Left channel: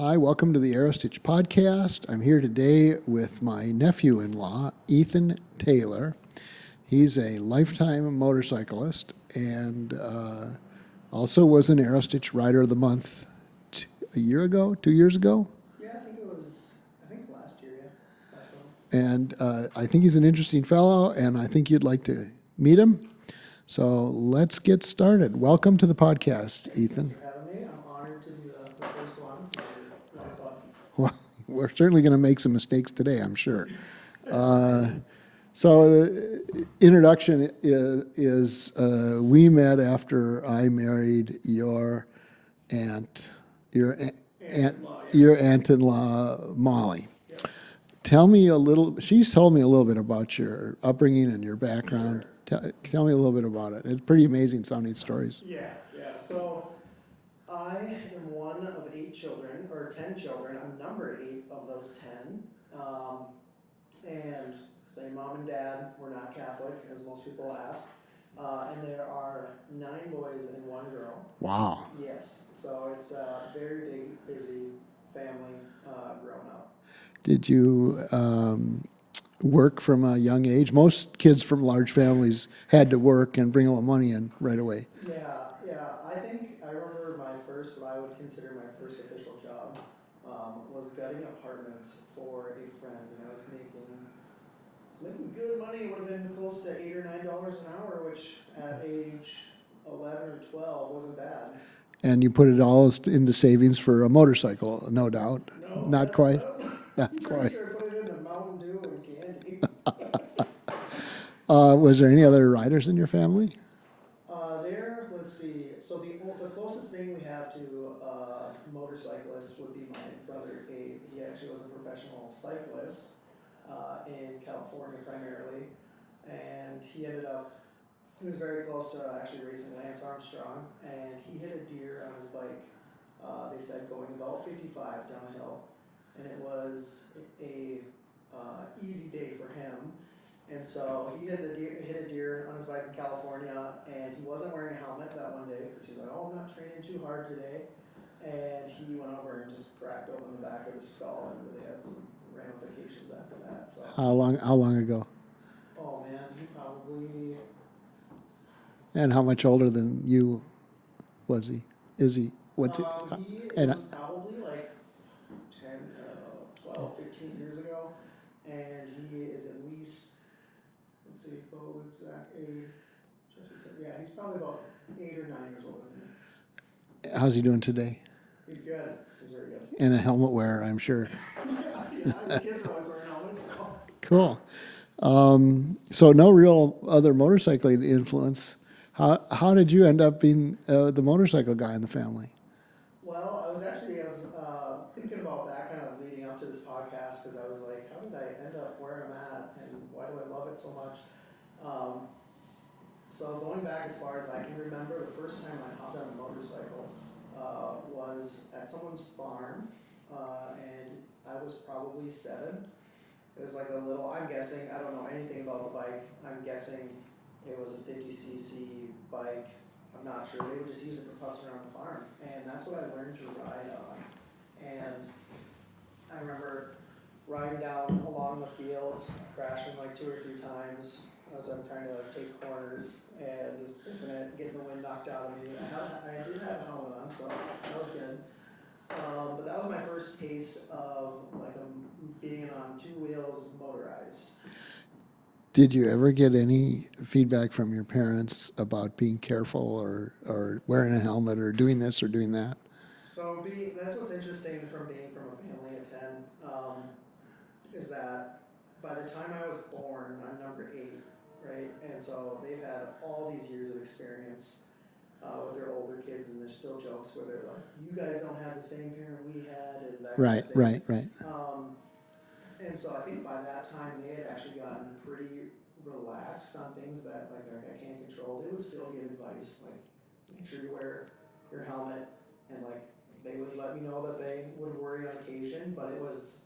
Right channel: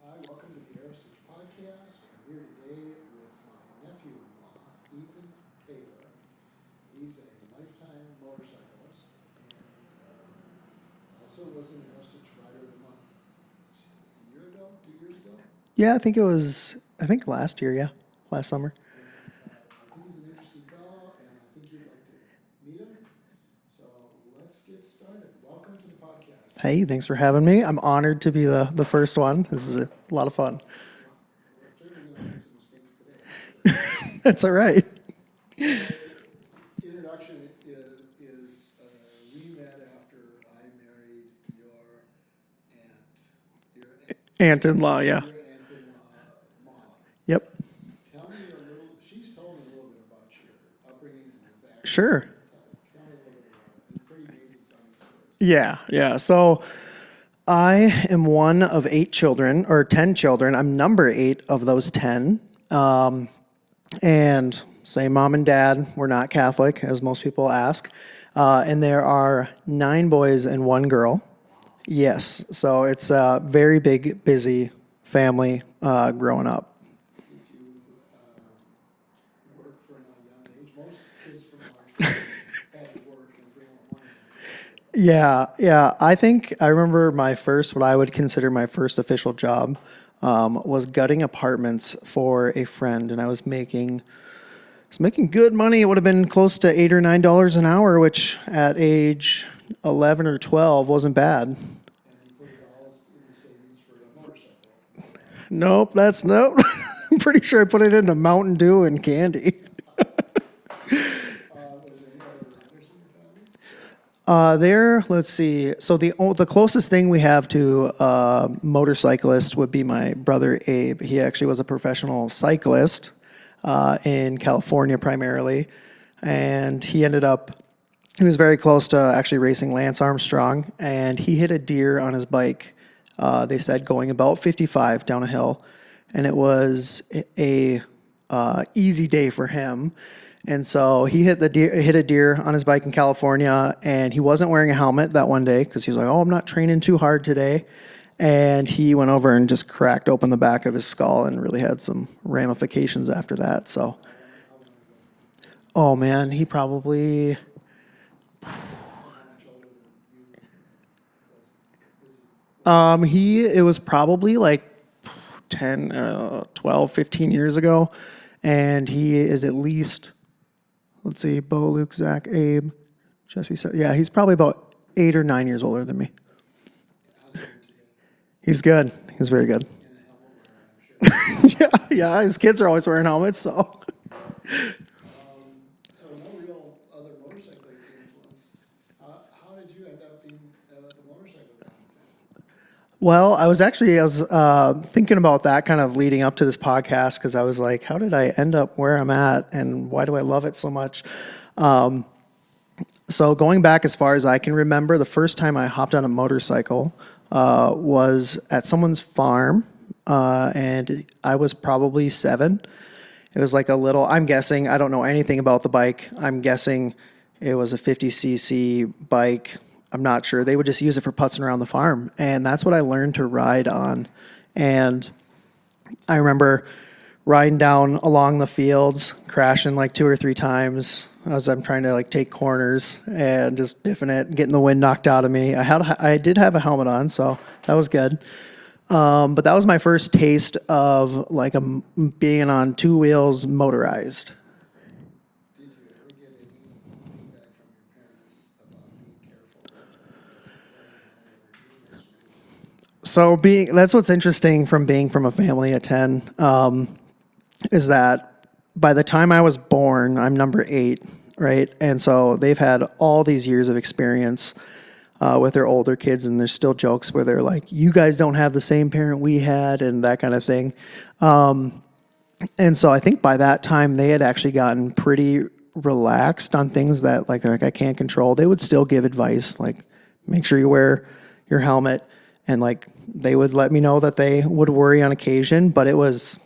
Hi, welcome to the Aerostich podcast. I'm here today with my nephew-in-law, Ethan Taylor. He's a lifetime motorcyclist and also was an Aerostich Rider of the Month a year ago, 2 years ago. Yeah, I think last year, yeah, last summer. And I think he's an interesting fellow, and I think you'd like to meet him. So let's get started. Welcome to the podcast. Hey, Ethan. thanks for having me. I'm honored to be the first one. This is a lot of fun. Well, we're certainly going to make some mistakes today, I'm sure. That's all right. So, introduction is we met after I married your Aunt-in-law, yeah. Your aunt-in-law, Molly. Yep. She's told me a little bit about your upbringing and your background. Sure. Tell me a little bit about it. It's pretty amazing sounding stories. Yeah. So I am one of 10 children. I'm number 8 of those 10. And say mom and dad were not Catholic, as most people ask. And there are 9 boys and 1 girl. Wow. Yes. So it's a very big, busy family growing up. Did you work from a young age? Most kids from large families had to work and bring a little money in right away. Yeah. I remember what I would consider my first official job was gutting apartments for a friend, and I was making good money. It would have been close to $8 or $9 an hour, which at age 11 or 12 wasn't bad. And you put it all into savings for a motorcycle, no doubt. Nope, I'm pretty sure I put it into Mountain Dew and candy. Was there any other riders in your family? Let's see. So the closest thing we have to a motorcyclist would be my brother Abe. He actually was a professional cyclist in California primarily, and he was very close to actually racing Lance Armstrong, and he hit a deer on his bike, they said, going about 55 down a hill, and it was a easy day for him. And so he hit a deer on his bike in California, and he wasn't wearing a helmet that one day because he was like, "Oh, I'm not training too hard today." And he went over and just cracked open the back of his skull and really had some ramifications after that. So How long ago? Oh man, he probably... And how much older than you was he? Is he? It was probably like 10, 12, 15 years ago. And he is at least, let's see, Bo, Luke, Zach, Abe, Jesse. Yeah, he's probably about 8 or 9 years older than me. How's he doing today? He's good. He's very good. And a helmet wearer, I'm sure. Yeah. His kids are always wearing helmets, so. Cool. So no real other motorcycling influence. How did you end up being the motorcycle guy in the family? Well, I was thinking about that kind of leading up to this podcast, because I was like, how did I end up where I'm at, and why do I love it so much? So going back as far as I can remember, the first time I hopped on a motorcycle was at someone's farm, and I was probably 7. It was like I'm guessing, I don't know anything about the bike. I'm guessing it was a 50cc bike. I'm not sure. They would just use it for putzing around the farm. And that's what I learned to ride on. And I remember riding down along the fields, crashing like 2 or 3 times as I'm trying to like take corners and just biffing it, getting the wind knocked out of me. I did have a helmet on, so that was good. But that was my first taste of like being on 2 wheels motorized. Did you ever get any feedback from your parents about being careful or wearing a helmet or doing this or doing that? So that's what's interesting from being from a family of 10, is that by the time I was born, I'm number 8, right? And so they've had all these years of experience with their older kids, and there's still jokes where they're like, "You guys don't have the same parent we had," and that kind of thing. Right. And so I think by that time they had actually gotten pretty relaxed on things that like I can't control. They would still give advice, like make sure you wear your helmet, and like they would let me know that they would worry on occasion, but it was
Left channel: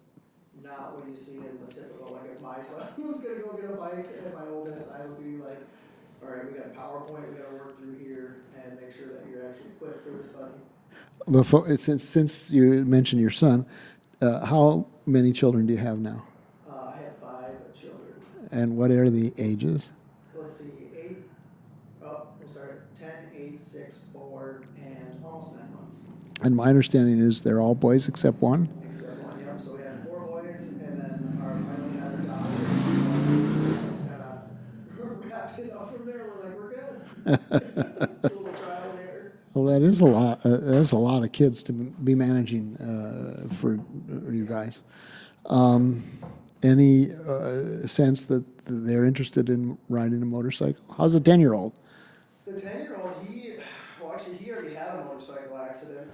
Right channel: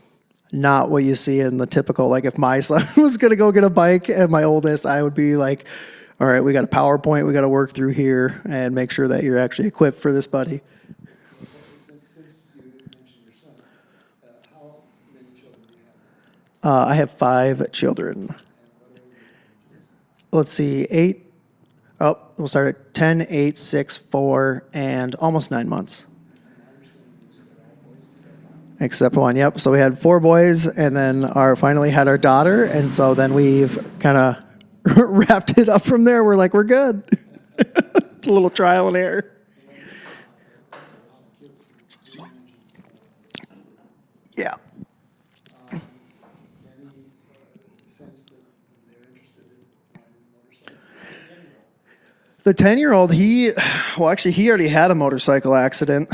not what you see in the typical, like if my son was going to go get a bike and my oldest, I would be like, all right, we got a PowerPoint we got to work through here and make sure that you're actually equipped for this, buddy. before, since you mentioned your son, how many children do you have now? I have 5 children. And what are the ages? Let's see, 8. Oh, we'll start at 10, 8, 6, 4, and almost 9 months. And my understanding is they're all boys except one. Except one, yep. So we had 4 boys, and then finally had our daughter, and so then we've kind of wrapped it up from there. We're like, we're good. It's a little trial and error. Well, that is a lot. That's a lot of kids to be managing for you guys. Any sense that they're interested in riding a motorcycle? How's a 10-year-old? The 10-year-old, he already had a motorcycle accident.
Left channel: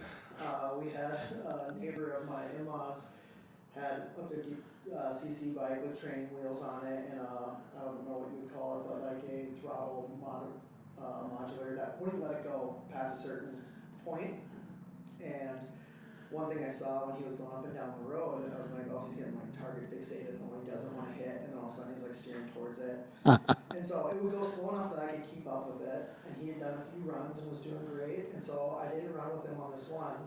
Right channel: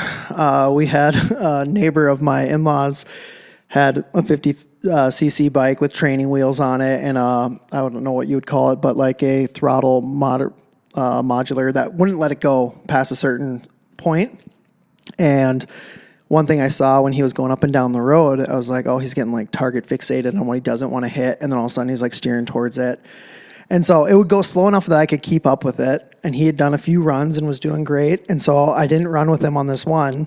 We had a neighbor of my in-laws had a 50cc bike with training wheels on it, and I don't know what you would call it, but like a throttle modular that wouldn't let it go past a certain point. And one thing I saw when he was going up and down the road, I was like, oh, he's getting like target fixated on what he doesn't want to hit. And then all of a sudden he's like steering towards it. And so it would go slow enough that I could keep up with it. And he had done a few runs and was doing great. And so I didn't run with him on this one.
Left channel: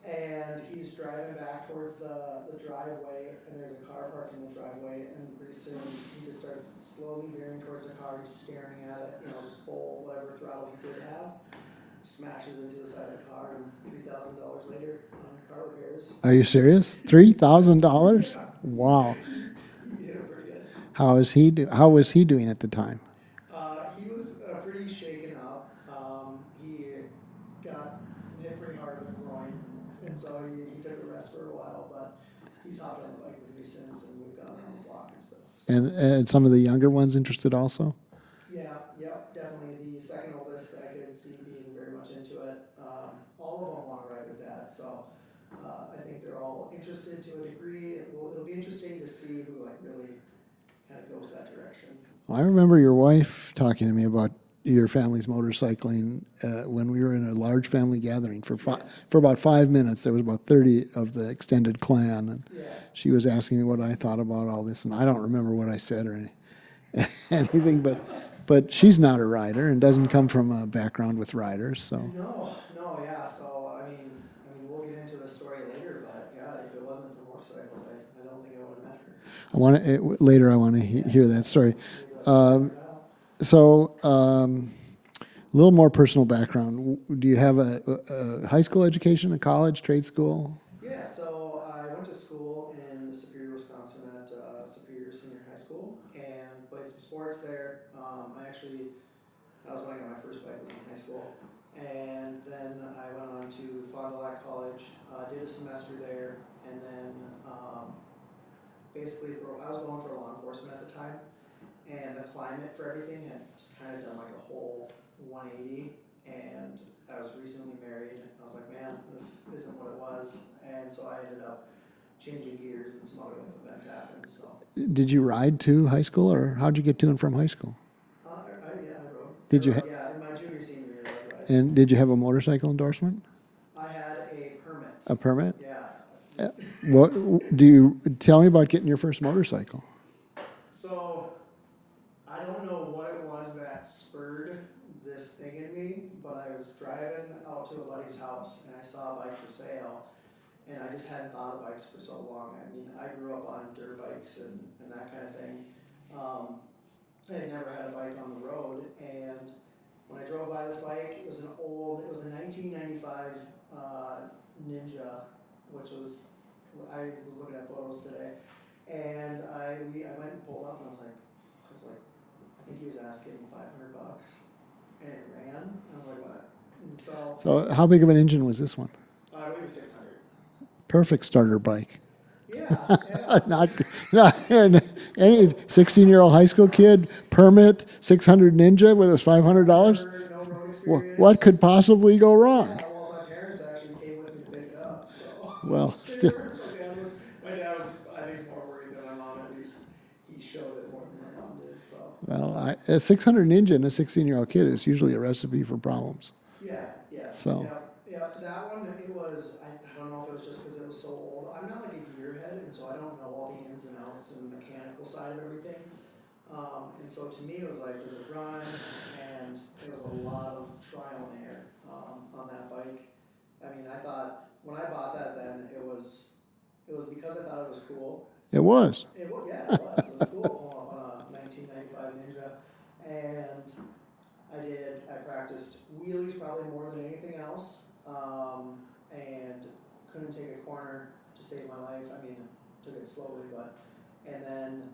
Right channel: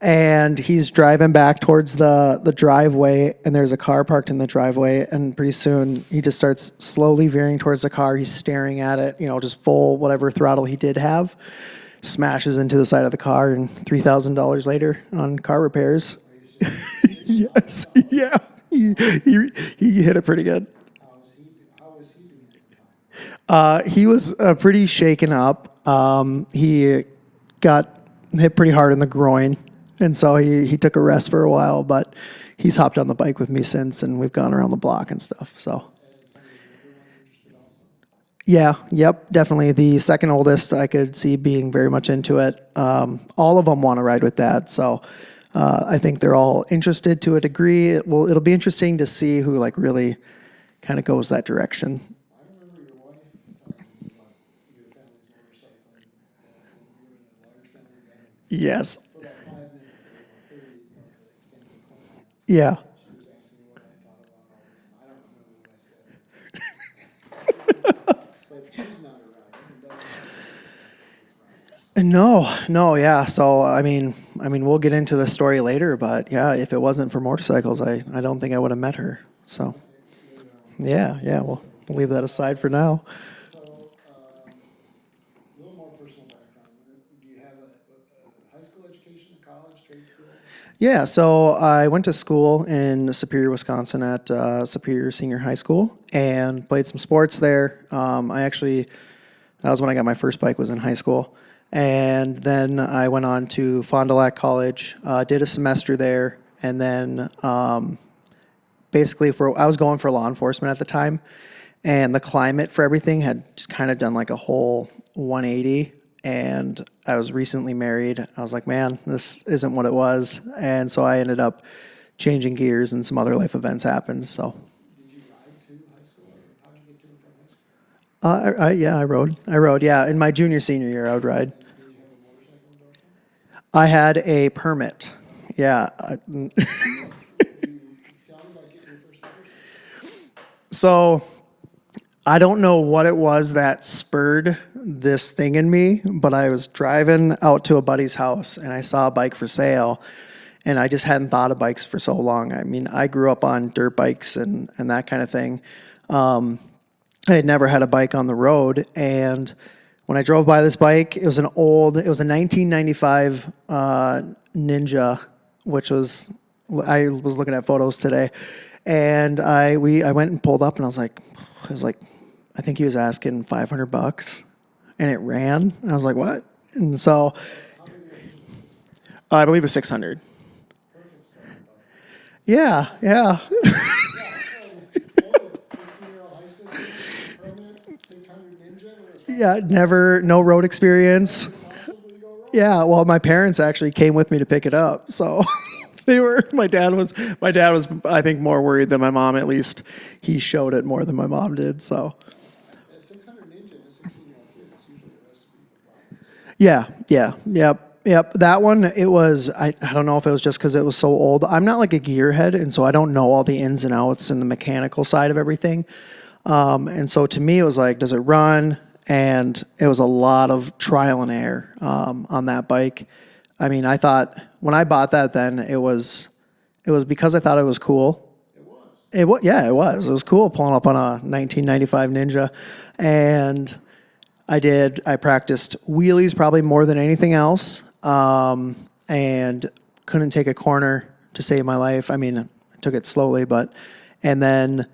And he's driving back towards the driveway, and there's a car parked in the driveway. And pretty soon he just starts slowly veering towards the car. He's staring at it, just full whatever throttle he did have. Smashes into the side of the car, and $3,000 later on car repairs. Are you serious? $3,000? Yeah. Wow. He hit it pretty good. How was he doing at the time? He was pretty shaken up. He got hit pretty hard in the groin, and so he took a rest for a while, but he's hopped on the bike with me since, and we've gone around the block and stuff. So And some of the younger ones interested also? Yeah, yep, definitely. The second oldest I could see being very much into it. All of them want to ride with Dad, so I think they're all interested to a degree. It'll be interesting to see who like really kind of goes that direction. I remember your wife talking to me about your family's motorcycling when we were in a large family gathering for about 5 minutes. There was about 30 of the extended clan. And Yeah. she was asking me what I thought about all this, and I don't remember what I said or anything. But she's not a rider and doesn't come from a background with riders. So. No, yeah. So I mean, we'll get into the story later, but yeah, if it wasn't for motorcycles, I don't think I would have met her. So Later I want to hear that story. We'll leave that aside for now. So, a little more personal background. Do you have a high school education, a college, trade school? Yeah, so I went to school in Superior, Wisconsin at Superior Senior High School and played some sports there. That was when I got my first bike, was in high school. And then I went on to Fond du Lac College, did a semester there, and then basically I was going for law enforcement at the time. And the climate for everything had just kind of done like a whole 180. And I was recently married. I was like, man, this isn't what it was. And so I ended up changing gears, and some other life events happened. So, did you ride to high school, or how'd you get to and from high school? I rode. Yeah. In my senior year, I would ride. And did you have a motorcycle endorsement? I had a permit. A permit? Yeah. Do you tell me about getting your first motorcycle? So, I don't know what it was that spurred this thing in me, but I was driving out to a buddy's house and I saw a bike for sale, and I just hadn't thought of bikes for so long. I mean, I grew up on dirt bikes and that kind of thing. I had never had a bike on the road, and when I drove by this bike, it was a 1995 Ninja, which was, I was looking at photos today, and I went and pulled up, and I was like, I think he was asking $500, and it ran. And I was like, what? And so how big of an engine was this one? I believe it was 600. Perfect starter bike. Yeah. And any 16-year-old high school kid, permit, 600 Ninja, whether it was $500. No road experience. What could possibly go wrong? Yeah, well, my parents actually came with me to pick it up. So my dad was, I think, more worried than my mom. At least he showed it more than my mom did. So, well, a 600 Ninja in a 16-year-old kid is usually a recipe for problems. Yeah. Yep. That one, it was, I don't know if it was just because it was so old. I'm not like a gearhead, and so I don't know all the ins and outs and the mechanical side of everything. And so to me, it was like, does it run? And it was a lot of trial and error on that bike. I mean, I thought when I bought that, then it was because I thought it was cool. It was. Yeah, it was. It was cool pulling up on a 1995 Ninja, and I practiced wheelies probably more than anything else, and couldn't take a corner to save my life. I mean, I took it slowly, and then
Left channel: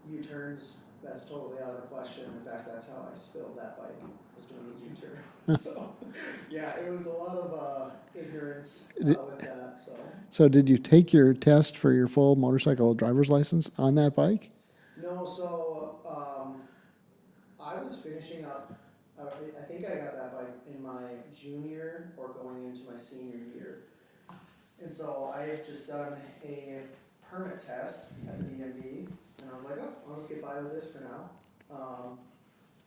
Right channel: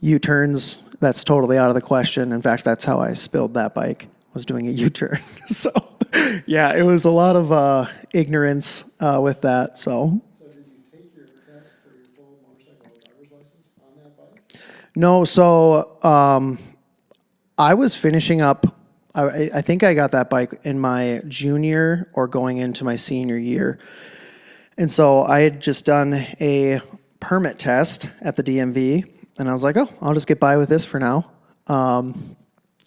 U-turns, that's totally out of the question. In fact, that's how I spilled that bike, was doing a U-turn. So, yeah, it was a lot of ignorance with that. So did you take your test for your full motorcycle driver's license on that bike? no, so I was finishing up. I think I got that bike in my junior or going into my senior year. And so I had just done a permit test at the DMV, and I was like, oh, I'll just get by with this for now.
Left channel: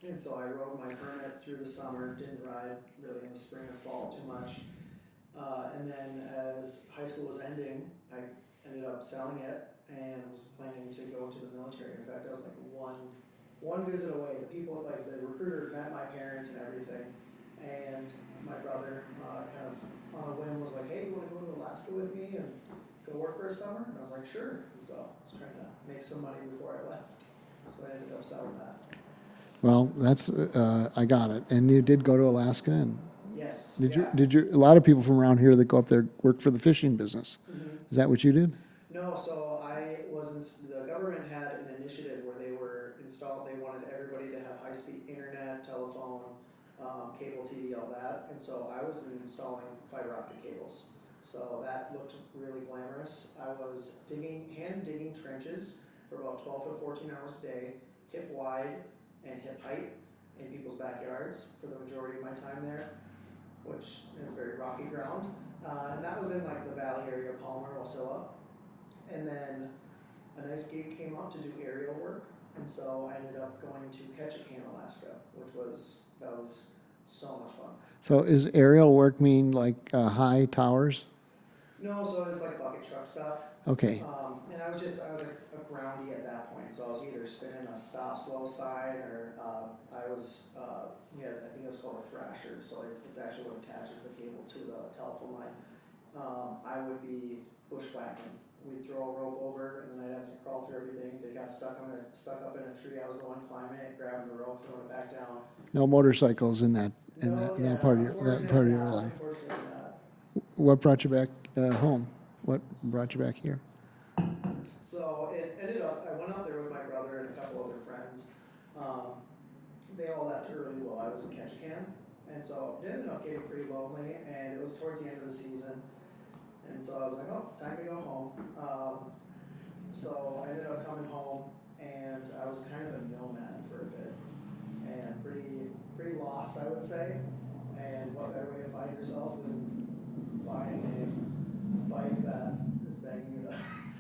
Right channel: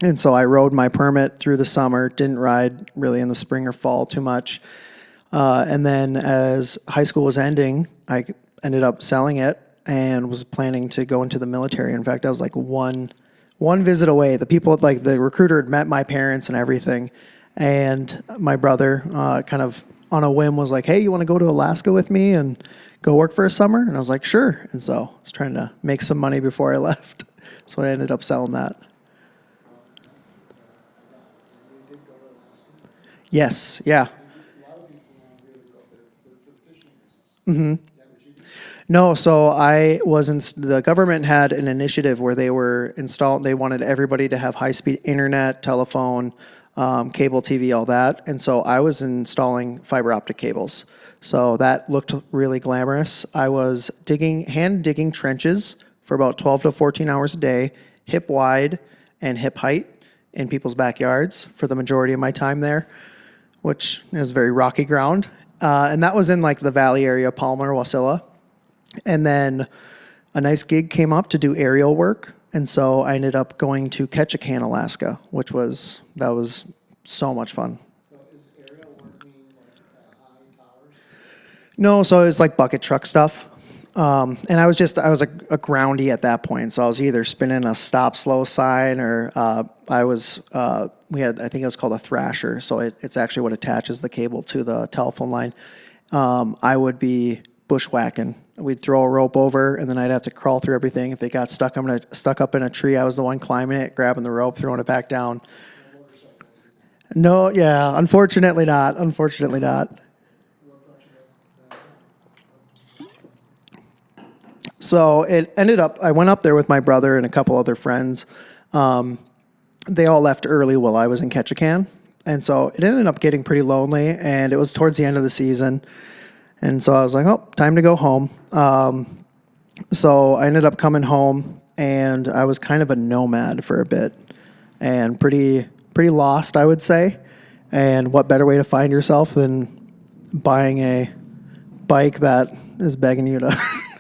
And so I rode my permit through the summer, didn't ride really in the spring or fall too much. And then as high school was ending, I ended up selling it and was planning to go into the military. In fact, I was like one visit away. The people, like the recruiter had met my parents and everything. And my brother kind of on a whim was like, hey, you want to go to Alaska with me and go work for a summer? And I was like, sure. And so I was trying to make some money before I left. So I ended up selling that. Well, that's I got it. And you did go to Alaska, and Yes. Yeah. did you? A lot of people from around here that go up there work for the fishing business. Mm-hmm. Is that what you did? No, so I was the government had an initiative where they wanted everybody to have high-speed internet, telephone, cable TV, all that. And so I was installing fiber optic cables. So that looked really glamorous. I was hand digging trenches for about 12 to 14 hours a day, hip wide and hip height in people's backyards for the majority of my time there, which is very rocky ground. And that was in like the valley area, Palmer, Wasilla. And then a nice gig came up to do aerial work. And so I ended up going to Ketchikan, Alaska, that was so much fun. So is aerial work mean like high towers? No, so it was like bucket truck stuff. Okay. And I was a groundy at that point. So I was either spinning a stop slow sign or I think it was called a thrasher. So it's actually what attaches the cable to the telephone line. I would be bushwhacking. We'd throw a rope over, and then I'd have to crawl through everything. If it got stuck up in a tree, I was the one climbing it, grabbing the rope, throwing it back down. No motorcycles in that. No, yeah, unfortunately not. Unfortunately not. What brought you back home? What brought you back here? So it ended up, I went up there with my brother and a couple other friends. They all left early while I was in Ketchikan. And so it ended up getting pretty lonely, and it was towards the end of the season. And so I was like, oh, time to go home. So I ended up coming home, and I was kind of a nomad for a bit and pretty lost, I would say. And what better way to find yourself than buying a bike that is begging you to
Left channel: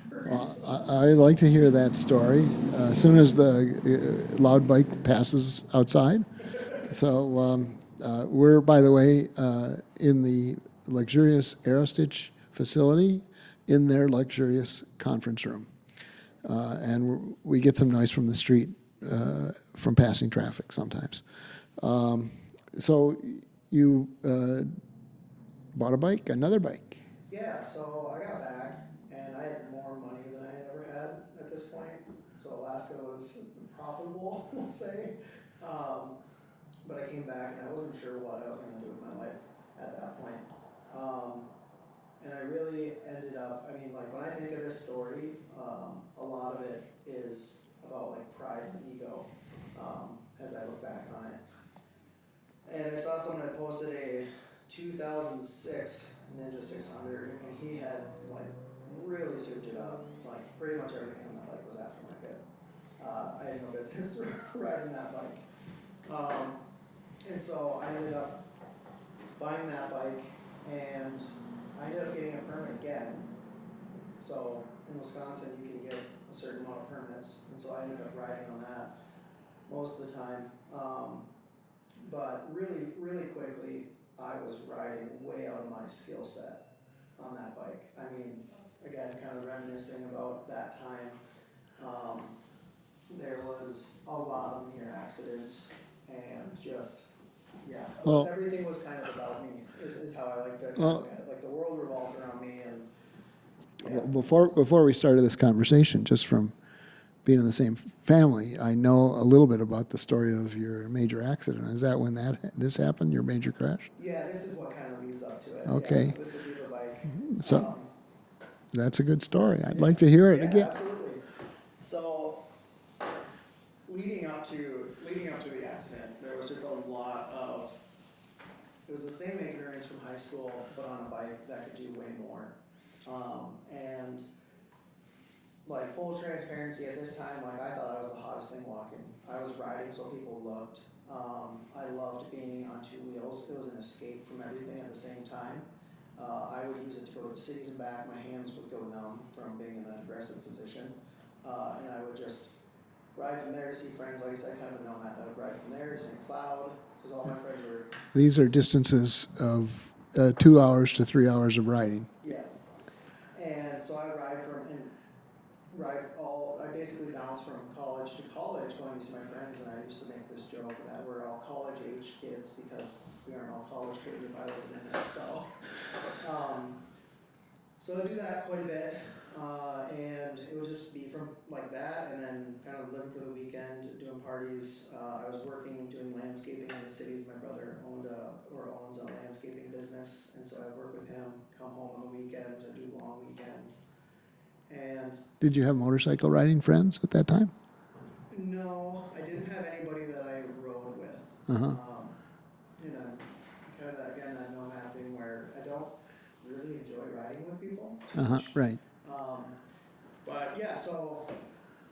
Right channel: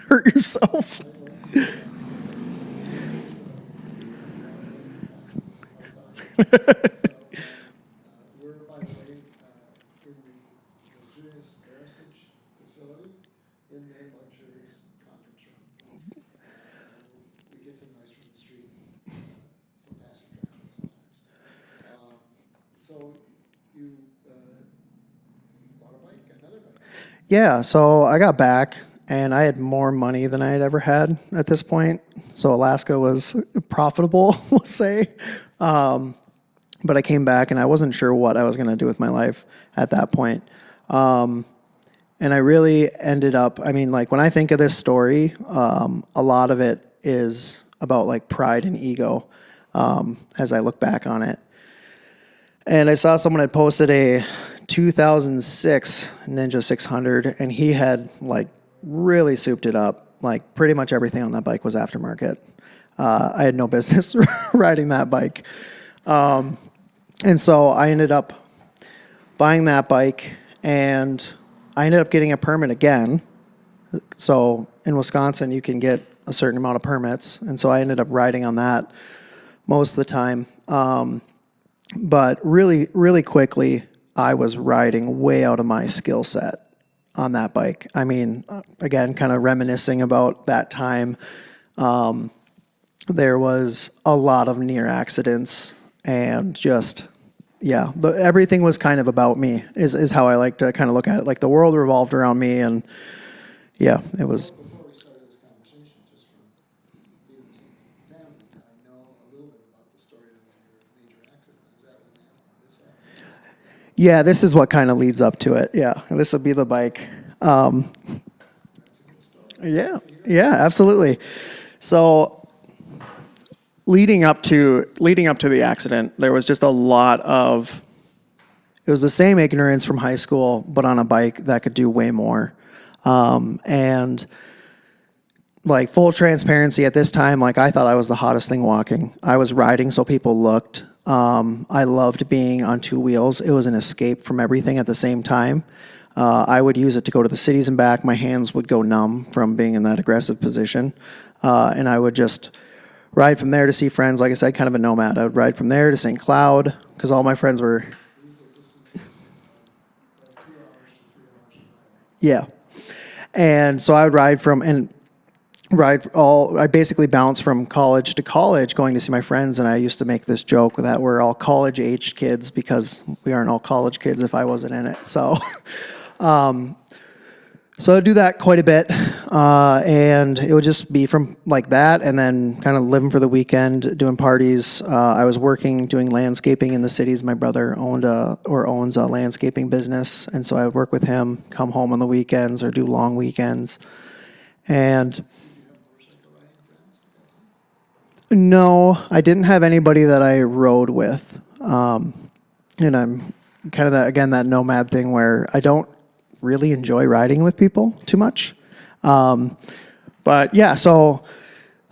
hurt yourself? I like to hear that story as soon as the loud bike passes outside. So we're, by the way, in the luxurious Aerostich facility in their luxurious conference room. And we get some noise from the street from passing traffic sometimes. So you bought a bike, another bike. Yeah, so I got back, and I had more money than I had ever had at this point. So Alaska was profitable, we'll say. But I came back, and I wasn't sure what I was going to do with my life at that point. And I really ended up, I mean, like when I think of this story, a lot of it is about like pride and ego as I look back on it. And I saw someone had posted a 2006 Ninja 600, and he had like really souped it up. Like pretty much everything on that bike was aftermarket. I had no business riding that bike. And so I ended up buying that bike, and I ended up getting a permit again. So in Wisconsin, you can get a certain amount of permits. And so I ended up riding on that most of the time. But really, really quickly, I was riding way out of my skill set on that bike. I mean, again, kind of reminiscing about that time. There was a lot of near accidents and just, Yeah, everything was kind of about me. Is how I like to kind of look at it. Like the world revolved around me, and yeah, it was. Before we started this conversation, just from being in the same family, I know a little bit about the story of your major accident. Is that when this happened, your major crash? Yeah, this is what kind of leads up to it. Okay. Yeah, this will be the bike. That's a good story. I'd Yeah, like to hear it. yeah, absolutely. So leading up to the accident, there was just a lot of. It was the same ignorance from high school, but on a bike that could do way more. And like full transparency at this time, like I thought I was the hottest thing walking. I was riding so people looked. I loved being on two wheels. It was an escape from everything at the same time. I would use it to go to the cities and back. My hands would go numb from being in that aggressive position. And I would just ride from there to see friends. Like I said, kind of a nomad. I would ride from there to St. Cloud because all my friends were. These are distances of 2 hours to 3 hours of riding. Yeah. And so I would I basically bounced from college to college going to see my friends, and I used to make this joke that we're all college-aged kids because we aren't all college kids if I wasn't in it. So so I'd do that quite a bit, and it would just be from like that, and then kind of living for the weekend, doing parties. I was working, doing landscaping in the cities. My brother owns a landscaping business, and so I would work with him, come home on the weekends or do long weekends. And did you have motorcycle riding friends at that time? no, I didn't have anybody that I rode with. And I'm kind of that nomad thing where I don't really enjoy riding with people too much. Right. But yeah, so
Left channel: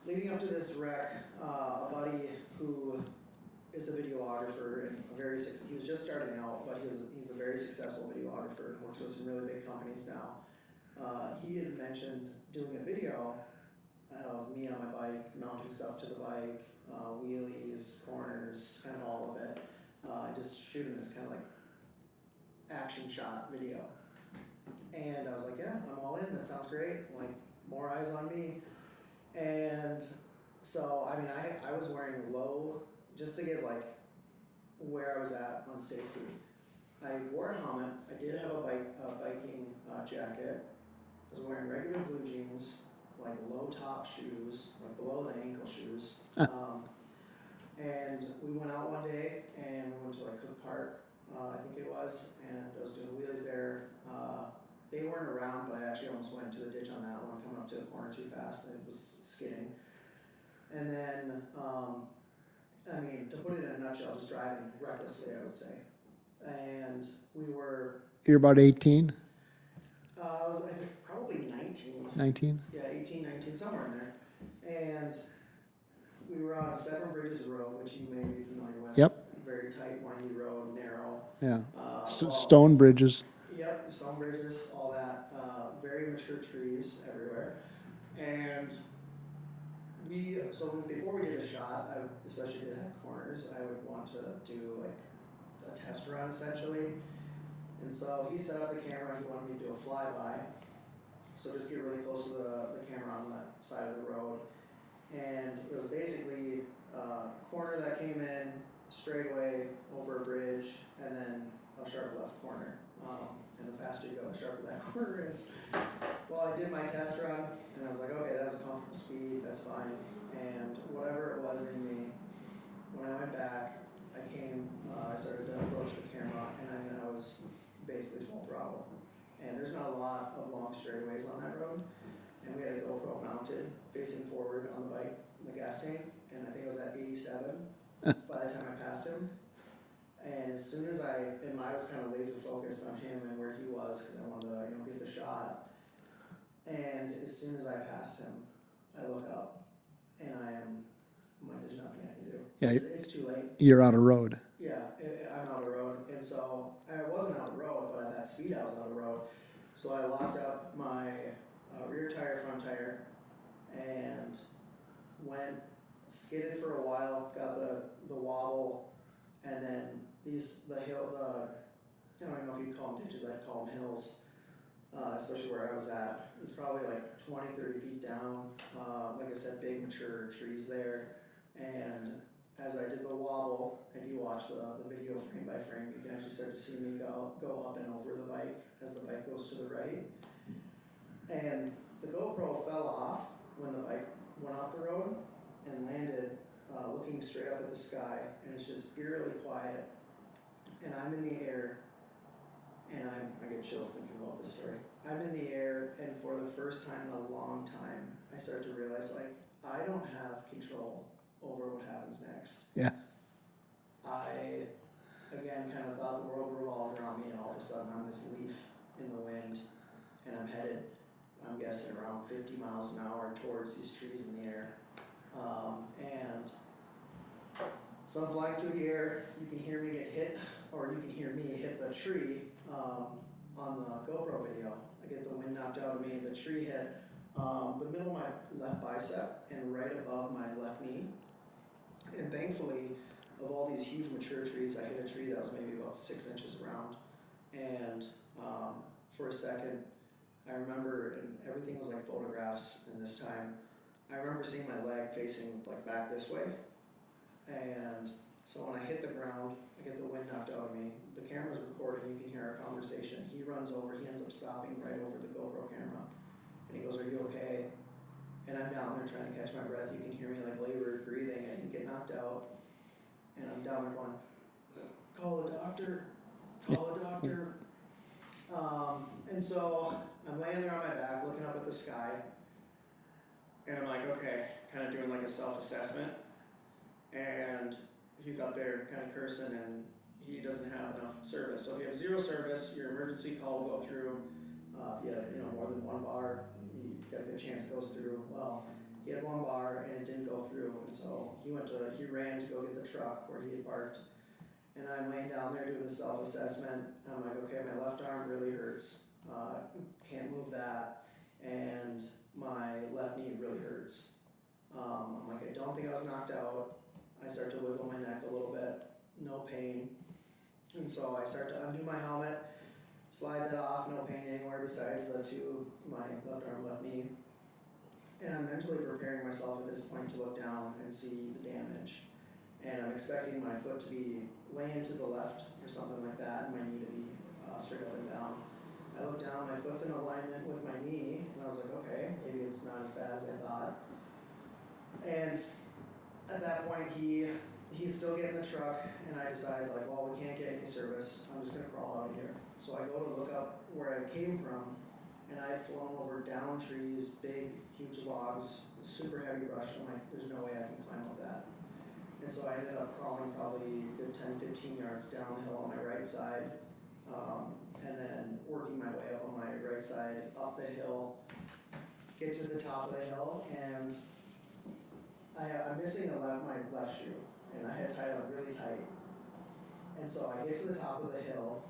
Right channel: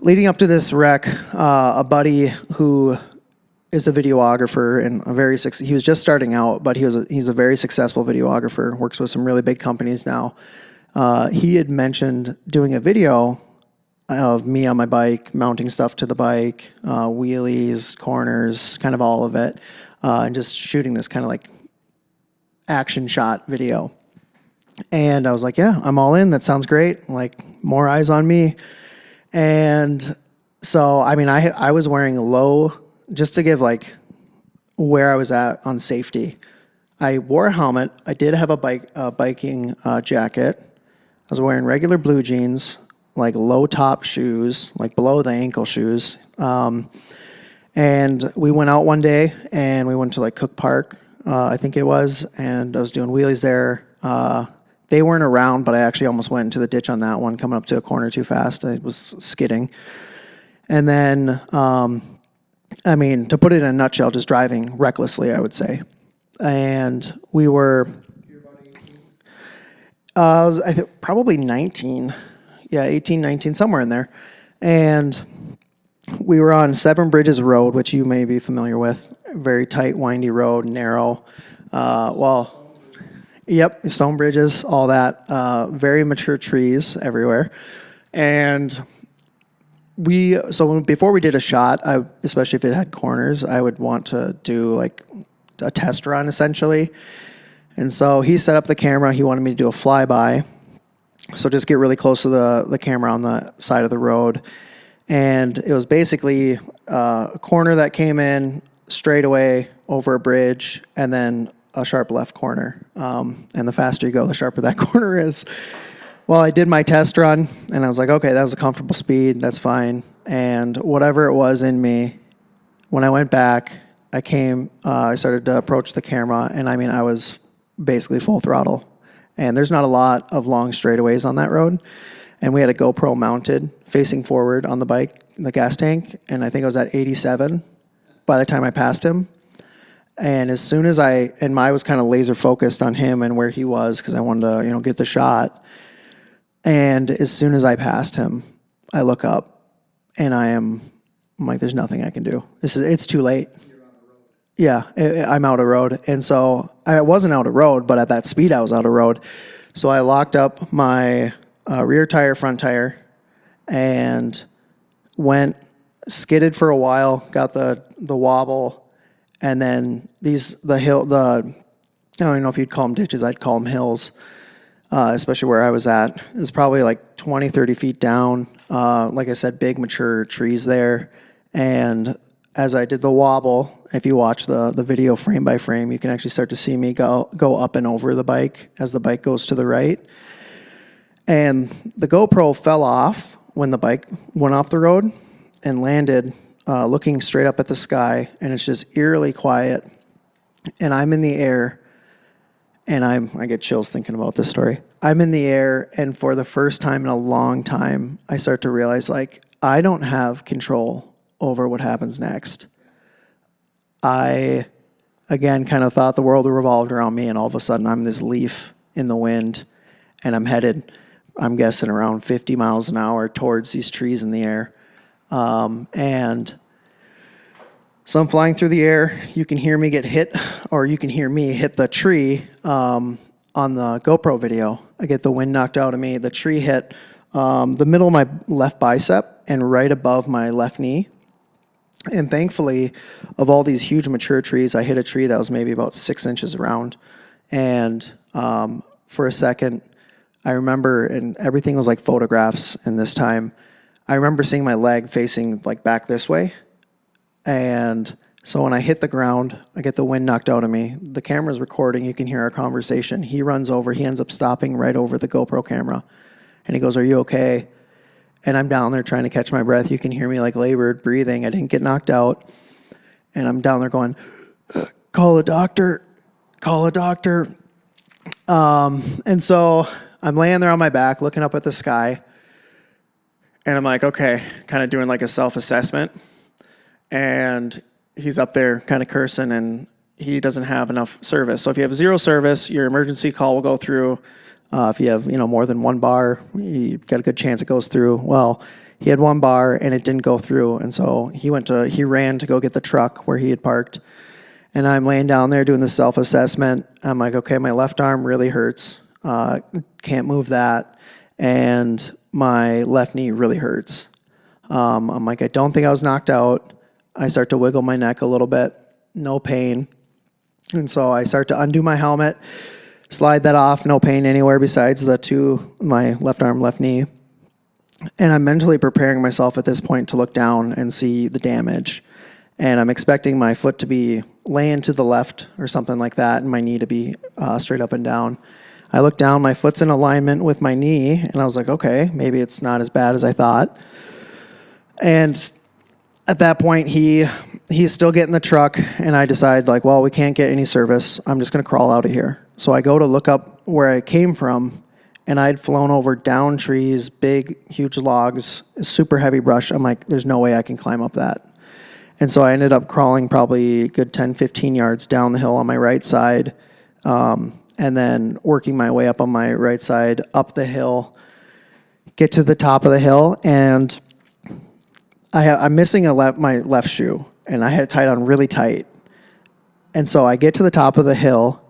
leading up to this wreck, a buddy who is a videographer and he was just starting out, but he's a very successful videographer, works with some really big companies now. He had mentioned doing a video of me on my bike, mounting stuff to the bike, wheelies, corners, kind of all of it, and just shooting this kind of like action shot video. And I was like, yeah, I'm all in. That sounds great. Like, more eyes on me. And so, I mean, I was wearing low, just to give like where I was at on safety. I wore a helmet. I did have a biking jacket. I was wearing regular blue jeans, like low top shoes, like below the ankle shoes. And we went out one day and we went to like Cook Park, I think it was, and I was doing wheelies there. They weren't around, but I actually almost went into the ditch on that one, coming up to a corner too fast. I was skidding. And then, I mean, to put it in a nutshell, just driving recklessly, I would say. And we were... You're about 18? I was probably 19. 19? Yeah, 18, 19, somewhere in there. And we were on Seven Bridges Road, which you may be familiar with. Yep. Very tight, windy road, narrow. Yeah. Stone bridges. Yep, stone bridges, all that. Very mature trees everywhere. And before we did a shot, especially if it had corners, I would want to do like a test run essentially. And so he set up the camera. He wanted me to do a flyby. So just get really close to the camera on the side of the road. And it was basically a corner that came in straight away over a bridge and then a sharp left corner. And the faster you go, the sharper that corner is. Well, I did my test run and I was like, okay, that was a comfortable speed. That's fine. And whatever it was in me, when I went back, I started to approach the camera, and I mean, I was basically full throttle. And there's not a lot of long straightaways on that road. And we had a GoPro mounted facing forward on the bike, the gas tank, and I think I was at 87 by the time I passed him. And as soon as I was kind of laser focused on him and where he was because I wanted to, get the shot. And as soon as I passed him, I look up and I'm like, there's nothing I can do. It's too late. You're out of road. Yeah, I'm out of road. And so I wasn't out of road, but at that speed I was out of road. So I locked up my rear tire, front tire, and skidded for a while, got the wobble, and then I don't even know if you'd call them ditches, I'd call them hills, especially where I was at. It was probably like 20, 30 feet down. Like I said, big mature trees there. And as I did the wobble If you watch the video frame by frame, you can actually start to see me go up and over the bike as the bike goes to the right. And the GoPro fell off when the bike went off the road and landed looking straight up at the sky, and it's just eerily quiet. And I'm in the air, and I get chills thinking about this story. I'm in the air, and for the first time in a long time, I start to realize, like, I don't have control over what happens next. Yeah. I, again, kind of thought the world revolved around me, and all of a sudden I'm this leaf in the wind, and I'm headed, I'm guessing, around 50 miles an hour towards these trees in the air. And so I'm flying through the air. You can hear me get hit, or you can hear me hit the tree on the GoPro video. I get the wind knocked out of me. The tree hit the middle of my left bicep and right above my left knee. And thankfully, of all these huge mature trees, I hit a tree that was maybe about 6 inches around. And for a second, I remember, and everything was like photographs in this time, I remember seeing my leg facing like back this way. And so when I hit the ground, I get the wind knocked out of me. The camera's recording. You can hear our conversation. He runs over. He ends up stopping right over the GoPro camera. And he goes, "Are you okay?" And I'm down there trying to catch my breath. You can hear me like labored breathing. I didn't get knocked out. And I'm down there going, "Call a doctor. Call a doctor." And so I'm laying there on my back looking up at the sky. And I'm like, okay, kind of doing like a self-assessment. And he's up there kind of cursing, and he doesn't have enough service. So if you have 0 service, your emergency call will go through. If you have, more than 1 bar, you've got a good chance it goes through. Well, he had 1 bar and it didn't go through. And so he ran to go get the truck where he had parked. And I'm laying down there doing the self-assessment. I'm like, okay, my left arm really hurts. Can't move that. And my left knee really hurts. I'm like, I don't think I was knocked out. I start to wiggle my neck a little bit. No pain. And so I start to undo my helmet, slide that off, no pain anywhere besides my left arm, left knee. And I'm mentally preparing myself at this point to look down and see the damage. And I'm expecting my foot to be laying to the left or something like that, and my knee to be straight up and down. I look down, my foot's in alignment with my knee, and I was like, okay, maybe it's not as bad as I thought. And at that point, he's still getting the truck, and I decide, like, well, we can't get any service. I'm just going to crawl out of here. So I go to look up where I came from, and I'd flown over down trees, big, huge logs, super heavy brush. I'm like, there's no way I can climb up that. And so I ended up crawling probably a good 10, 15 yards down the hill on my right side, and then working my way up on my right side, up the hill, get to the top of the hill, and I'm missing my left shoe, and I had it tied on really tight. And so I get to the top of the hill,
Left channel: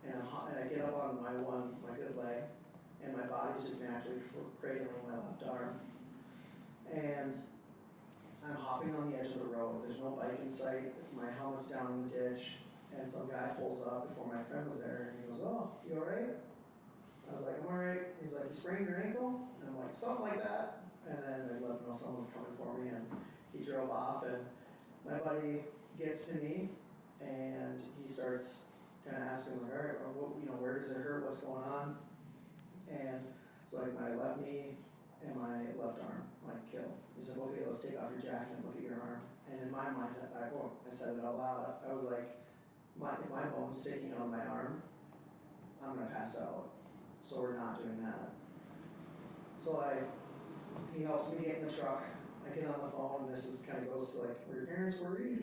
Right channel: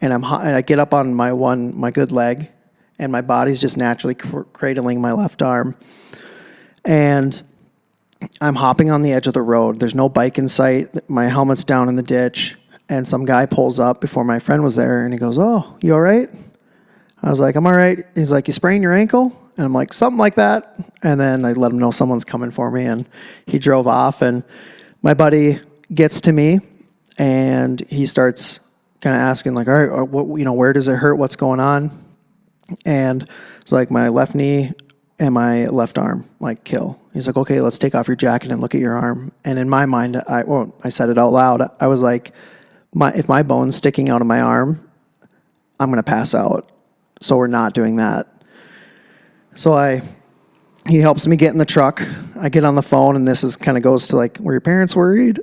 and I get up on my good leg, and my body's just naturally cradling my left arm. And I'm hopping on the edge of the road. There's no bike in sight. My helmet's down in the ditch. And some guy pulls up before my friend was there, and he goes, "Oh, you all right?" I was like, "I'm all right." He's like, "You sprained your ankle?" And I'm like, "Something like that." And then I let him know someone's coming for me, and he drove off. And my buddy gets to me, and he starts kind of asking, like, "All right, where does it hurt? What's going on?" And it's like my left knee and my left arm, like, kill. He's like, "Okay, let's take off your jacket and look at your arm." And in my mind, I said it out loud. I was like, if my bone's sticking out of my arm, I'm going to pass out. So we're not doing that. So he helps me get in the truck. I get on the phone, and this is kind of goes to like, were your parents worried?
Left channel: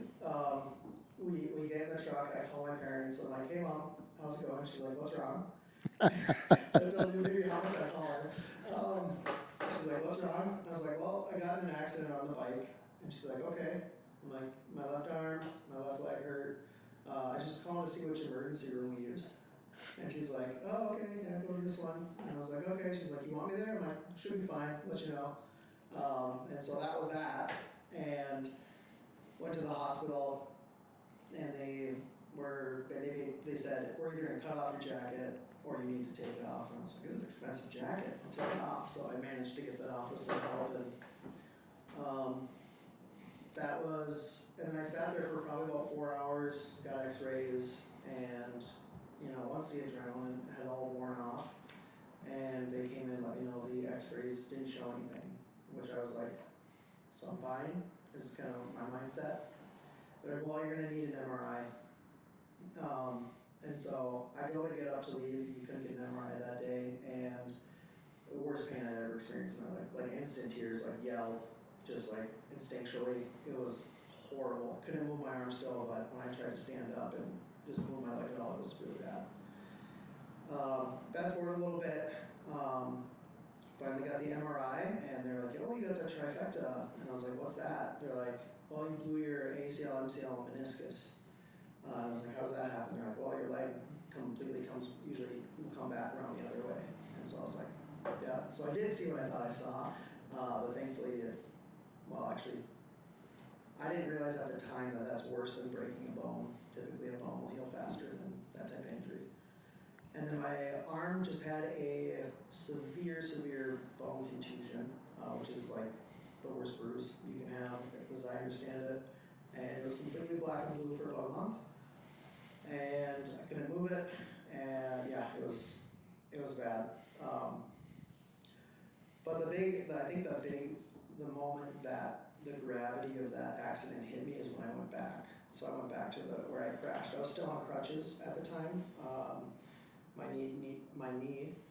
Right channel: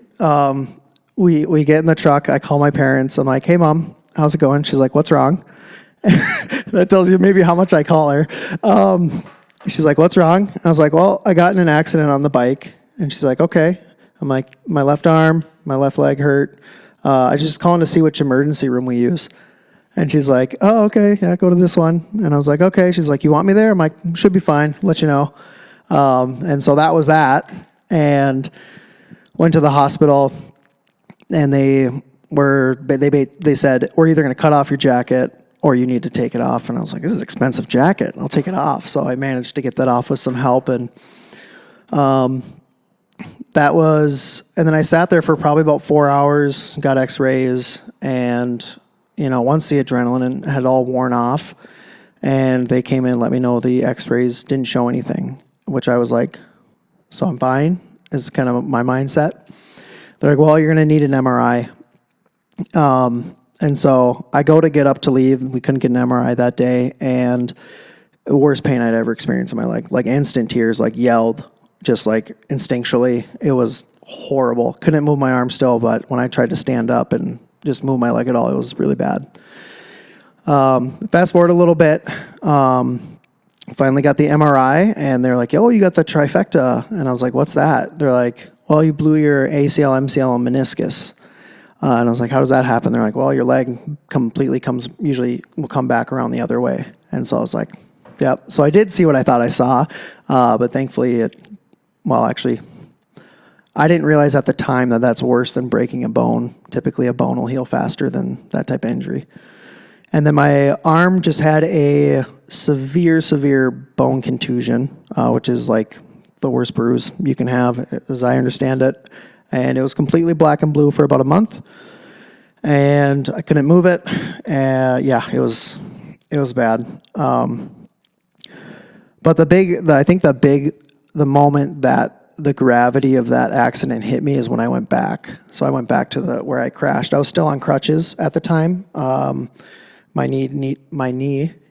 We get in the truck. I call my parents. I'm like, "Hey, Mom, how's it going?" She's like, "What's wrong?" That tells you maybe how much I call her. She's like, "What's wrong?" I was like, "Well, I got in an accident on the bike." And she's like, "Okay." I'm like, "My left arm, my left leg hurt. I was just calling to see which emergency room we use." And she's like, "Oh, okay, yeah, go to this one." And I was like, "Okay." She's like, "You want me there?" I'm like, "Should be fine, let you know." And so that was that. And went to the hospital, and they said, "We're either going to cut off your jacket or you need to take it off." And I was like, "This is an expensive jacket. I'll take it off." So I managed to get that off with some help. And and then I sat there for probably about 4 hours, got x-rays, and, once the adrenaline had all worn off, and they came in and let me know the x-rays didn't show anything, which I was like, so I'm fine, is kind of my mindset. They're like, well, you're going to need an MRI. And so I go to get up to leave. We couldn't get an MRI that day, and the worst pain I'd ever experienced in my life, like instant tears, like yelled, just like instinctually. It was horrible. Couldn't move my arm still, but when I tried to stand up and just move my leg at all, it was really bad. Fast forward a little bit, finally got the MRI, and they're like, oh, you got the trifecta. And I was like, what's that? They're like, well, you blew your ACL, MCL, and meniscus. And I was like, how does that happen? They're like, well, your leg usually will come back around the other way. And so I was like, yep. So I did see what I thought I saw, but thankfully actually, I didn't realize at the time that that's worse than breaking a bone. Typically, a bone will heal faster than that type of injury. And then my arm just had a severe bone contusion, which is like the worst bruise you can have, as I understand it. And it was completely black and blue for about a month, and I couldn't move it. It was bad. But the moment that the gravity of that accident hit me is when I went back. So I went back to where I crashed. I was still on crutches at the time. My knee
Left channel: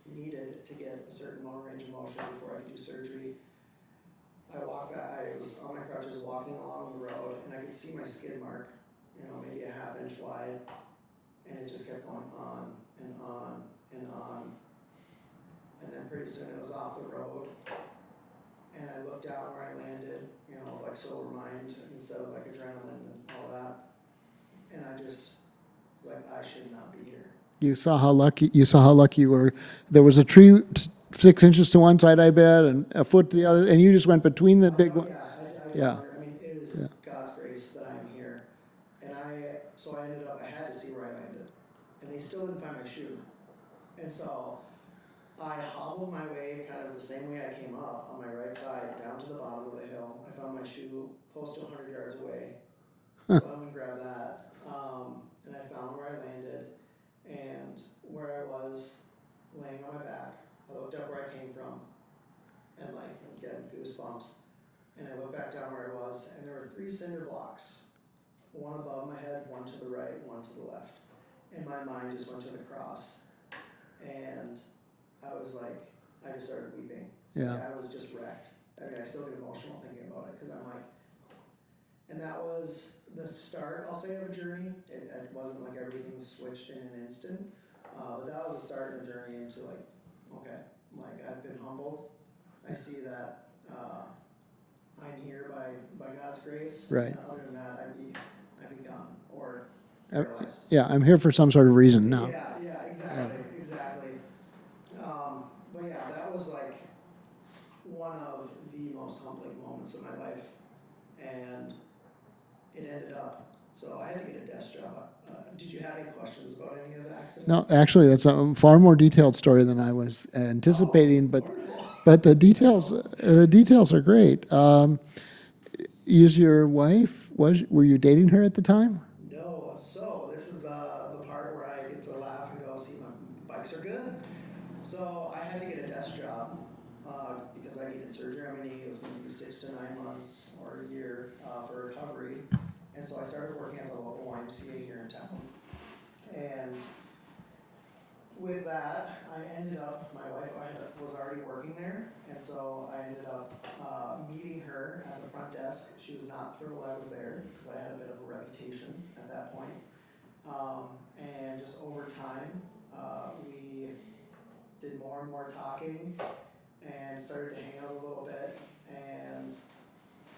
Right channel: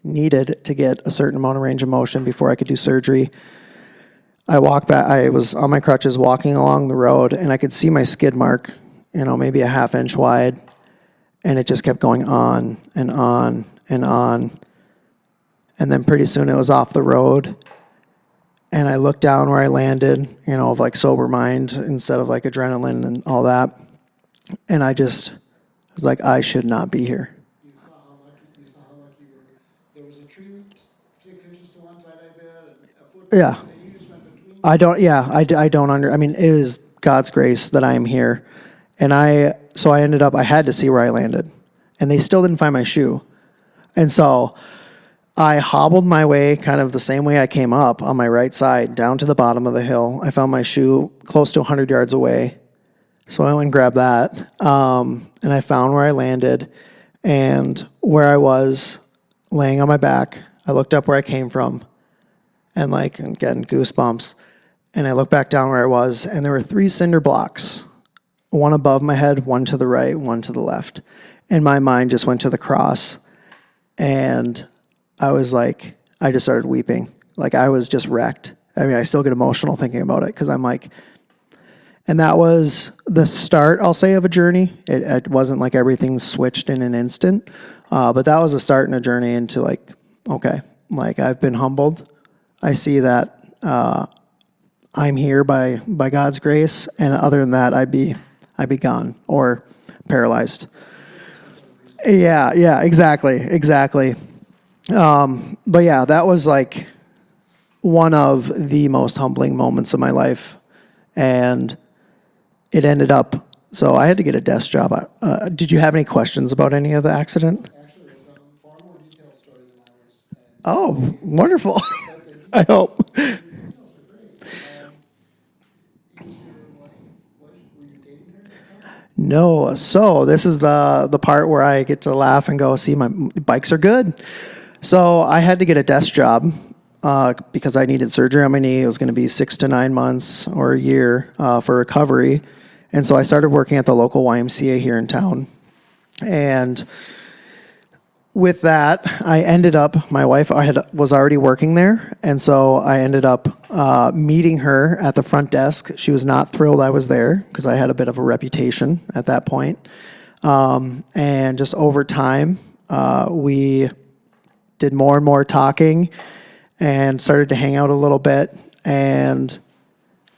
needed to get a certain amount of range of motion before I could do surgery. I walked back. I was on my crutches walking along the road, and I could see my skid mark, maybe a half inch wide, and it just kept going on and on and on. And then pretty soon it was off the road, and I looked down where I landed, of like sober mind instead of like adrenaline and all that. And I was like, I should not be here. You saw how lucky you were. There was a tree 6 inches to one side, I bet, and a foot to the other, and you just went between them. I mean, it was God's grace that I am here. And I had to see where I landed, and they still didn't find my shoe. And so I hobbled my way kind of the same way I came up on my right side down to the bottom of the hill. I found my shoe close to 100 yards away. So I went and grabbed that. And I found where I landed, and where I was laying on my back, I looked up where I came from, and I'm getting goosebumps. And I looked back down where I was, and there were 3 cinder blocks, one above my head, one to the right, one to the left. And my mind just went to the cross, and I just started weeping. Like I was just wrecked. I mean, I still get emotional thinking about it, because I'm like, and that was the start, I'll say, of a journey. It wasn't like everything switched in an instant, but that was a start in a journey into okay, I've been humbled. I see that I'm here by God's grace, right. And other than that, I'd be gone or paralyzed. Yeah, I'm here for some sort of reason. Yeah, exactly. But yeah, that was one of the most humbling moments of my life, and it ended up. So I had to get a desk job. Did you have any questions about any of the accident? No, actually, that's a far more detailed story than I was anticipating. Oh, wonderful. But the details are great. Is your wife, were you dating her at the time? No. So this is the part where I get to laugh and go, see, my bikes are good. So I had to get a desk job because I needed surgery on my knee. It was going to be 6 to 9 months or a year for recovery. And so I started working at the local YMCA here in town. And with that, I ended up, my wife was already working there. And so I ended up meeting her at the front desk. She was not thrilled I was there because I had a bit of a reputation at that point. And just over time, we did more and more talking and started to hang out a little bit. And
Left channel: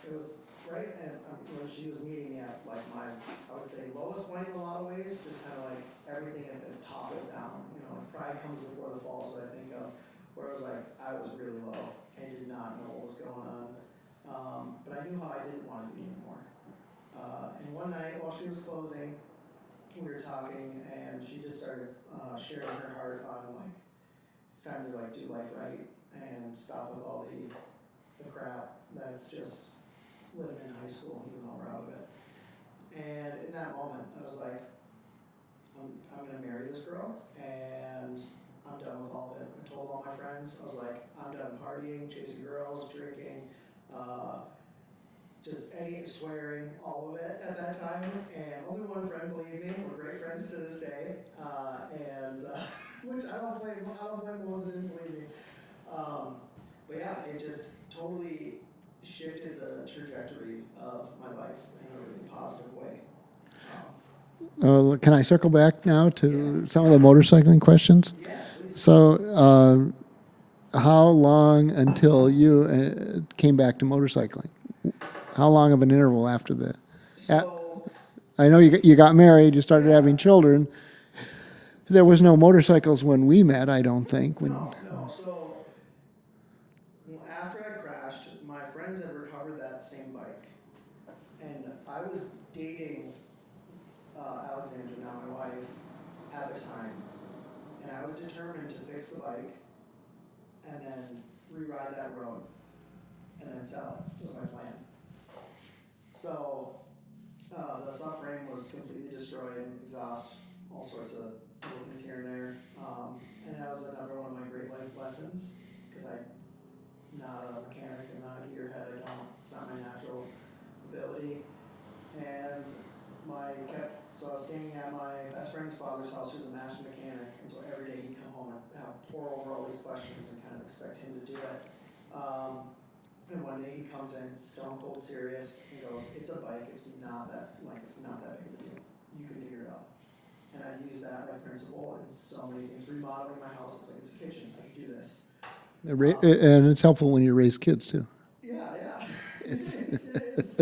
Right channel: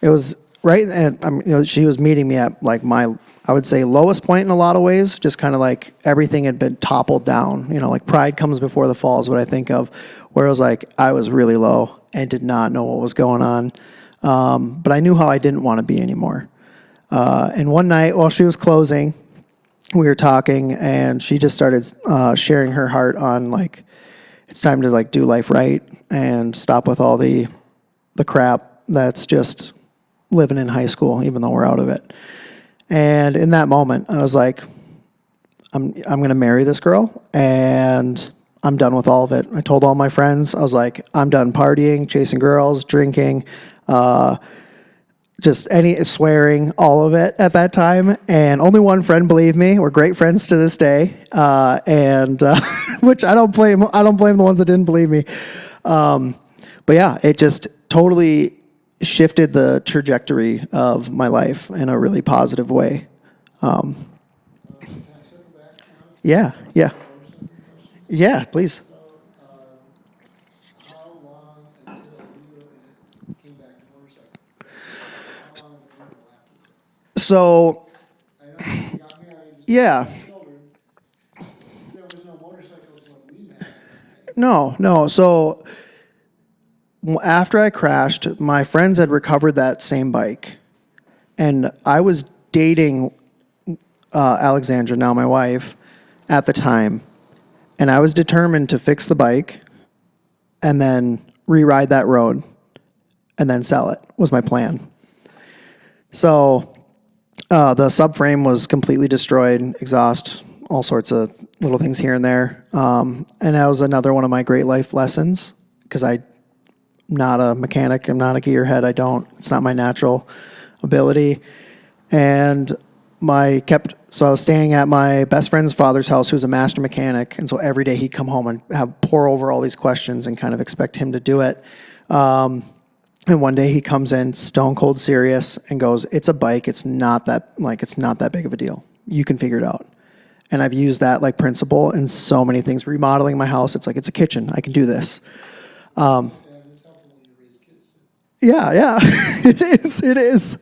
it was right, and she was meeting me at my, I would say, lowest point in a lot of ways. Just kind of everything had been toppled down. Pride comes before the fall is what I think of. Where it was I was really low and did not know what was going on, but I knew how I didn't want to be anymore. And one night while she was closing, we were talking, and she just started sharing her heart on it's time to do life right and stop with all the crap that's just living in high school, even though we're out of it. And in that moment, I was like, I'm going to marry this girl, and I'm done with all of it. I told all my friends, I was like, I'm done partying, chasing girls, drinking, just any swearing, all of it at that time. And only one friend believed me. We're great friends to this day, and which I don't blame. I don't blame the ones that didn't believe me. But yeah, it just totally shifted the trajectory of my life in a really positive way. Can I circle back now to Yeah, some yeah. of the motorcycling questions? Yeah, please. So, how long until you came back to motorcycling? How long of an interval after that? So I know you got married, you started Yeah. having children. There was no motorcycles when we met, I don't think. no. So after I crashed, my friends had recovered that same bike, and I was dating Alexandra, now my wife, at the time, and I was determined to fix the bike and then re-ride that road and then sell it was my plan. So the subframe was completely destroyed, exhaust, all sorts of little things here and there. And that was another one of my great life lessons, because I'm not a mechanic. I'm not a gearhead. It's not my natural ability. And so I was staying at my best friend's father's house, who's a master mechanic. And so every day he'd come home and pour over all these questions and kind of expect him to do it. And one day he comes in stone cold serious and goes, "It's a bike. It's not that big of a deal. You can figure it out." And I've used that like principle in so many things. Remodeling my house, it's like, it's a kitchen. I can do this. And it's helpful when you raise kids, too. Yeah. It is.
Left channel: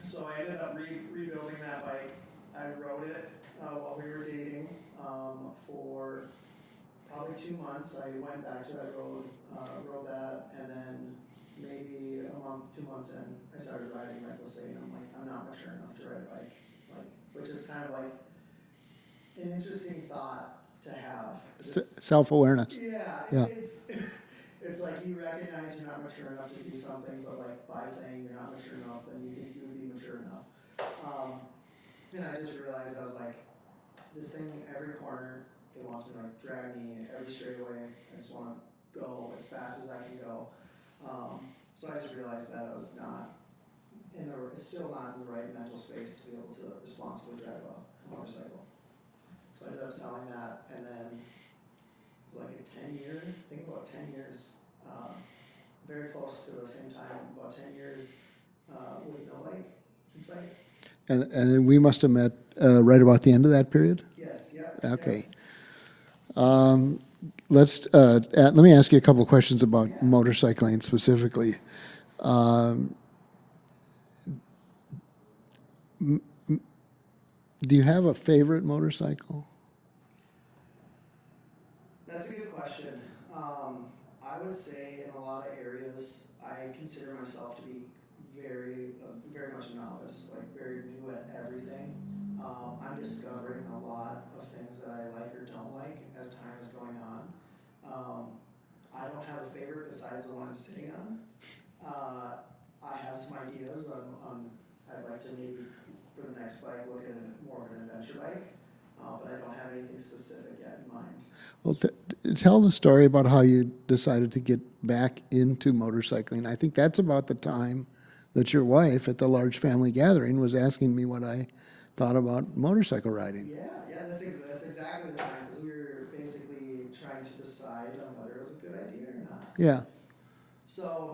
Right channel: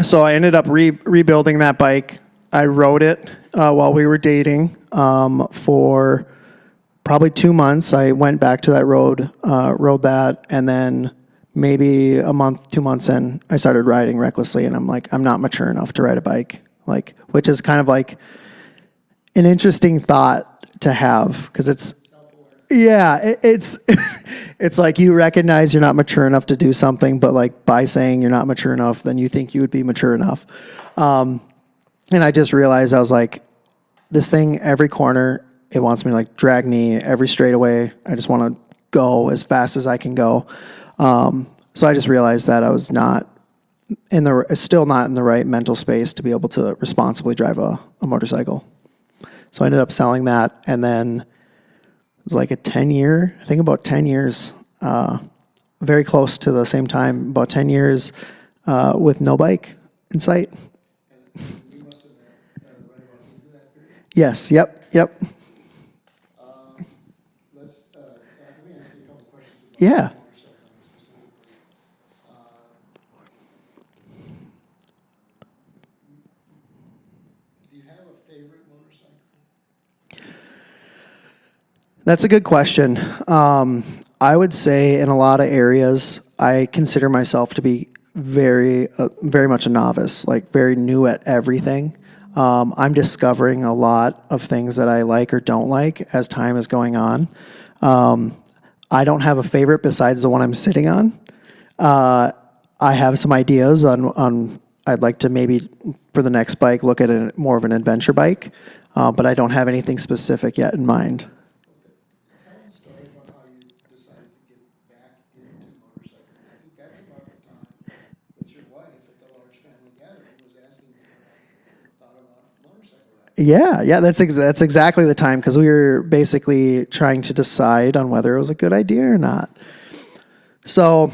So I ended up rebuilding that bike. I rode it while we were dating for probably 2 months. I went back to that road, rode that, and then maybe a month, 2 months in, I started riding recklessly, and I'm like, I'm not mature enough to ride a bike, which is kind of like an interesting thought to have, because it's self-awareness. it's it's like you recognize you're not mature enough to do something, but like by saying you're not mature enough, then you think you would be mature enough. And I just realized, I was like, this thing, every corner, it wants me to like drag knee, every straightaway. I just want to go as fast as I can go. So I just realized that I was still not in the right mental space to be able to responsibly drive a motorcycle. So I ended up selling that, and then it was like about 10 years, very close to the same time, about 10 years with no bike in sight. And we must have met right about the end of that period? Yes, yep. Let me ask you a couple of questions about motorcycling specifically. Do you have a favorite motorcycle? That's a good question. I would say in a lot of areas, I consider myself to be very much a novice, like very new at everything. I'm discovering a lot of things that I like or don't like as time is going on. I don't have a favorite besides the one I'm sitting on. I have some ideas on I'd like to maybe for the next bike look at more of an adventure bike, but I don't have anything specific yet in mind. Well, tell the story about how you decided to get back into motorcycling. I think that's about the time that your wife at the large family gathering was asking me what I thought about motorcycle riding. Yeah, that's exactly the time, because we were basically trying to decide on whether it was a good idea or not. Yeah. So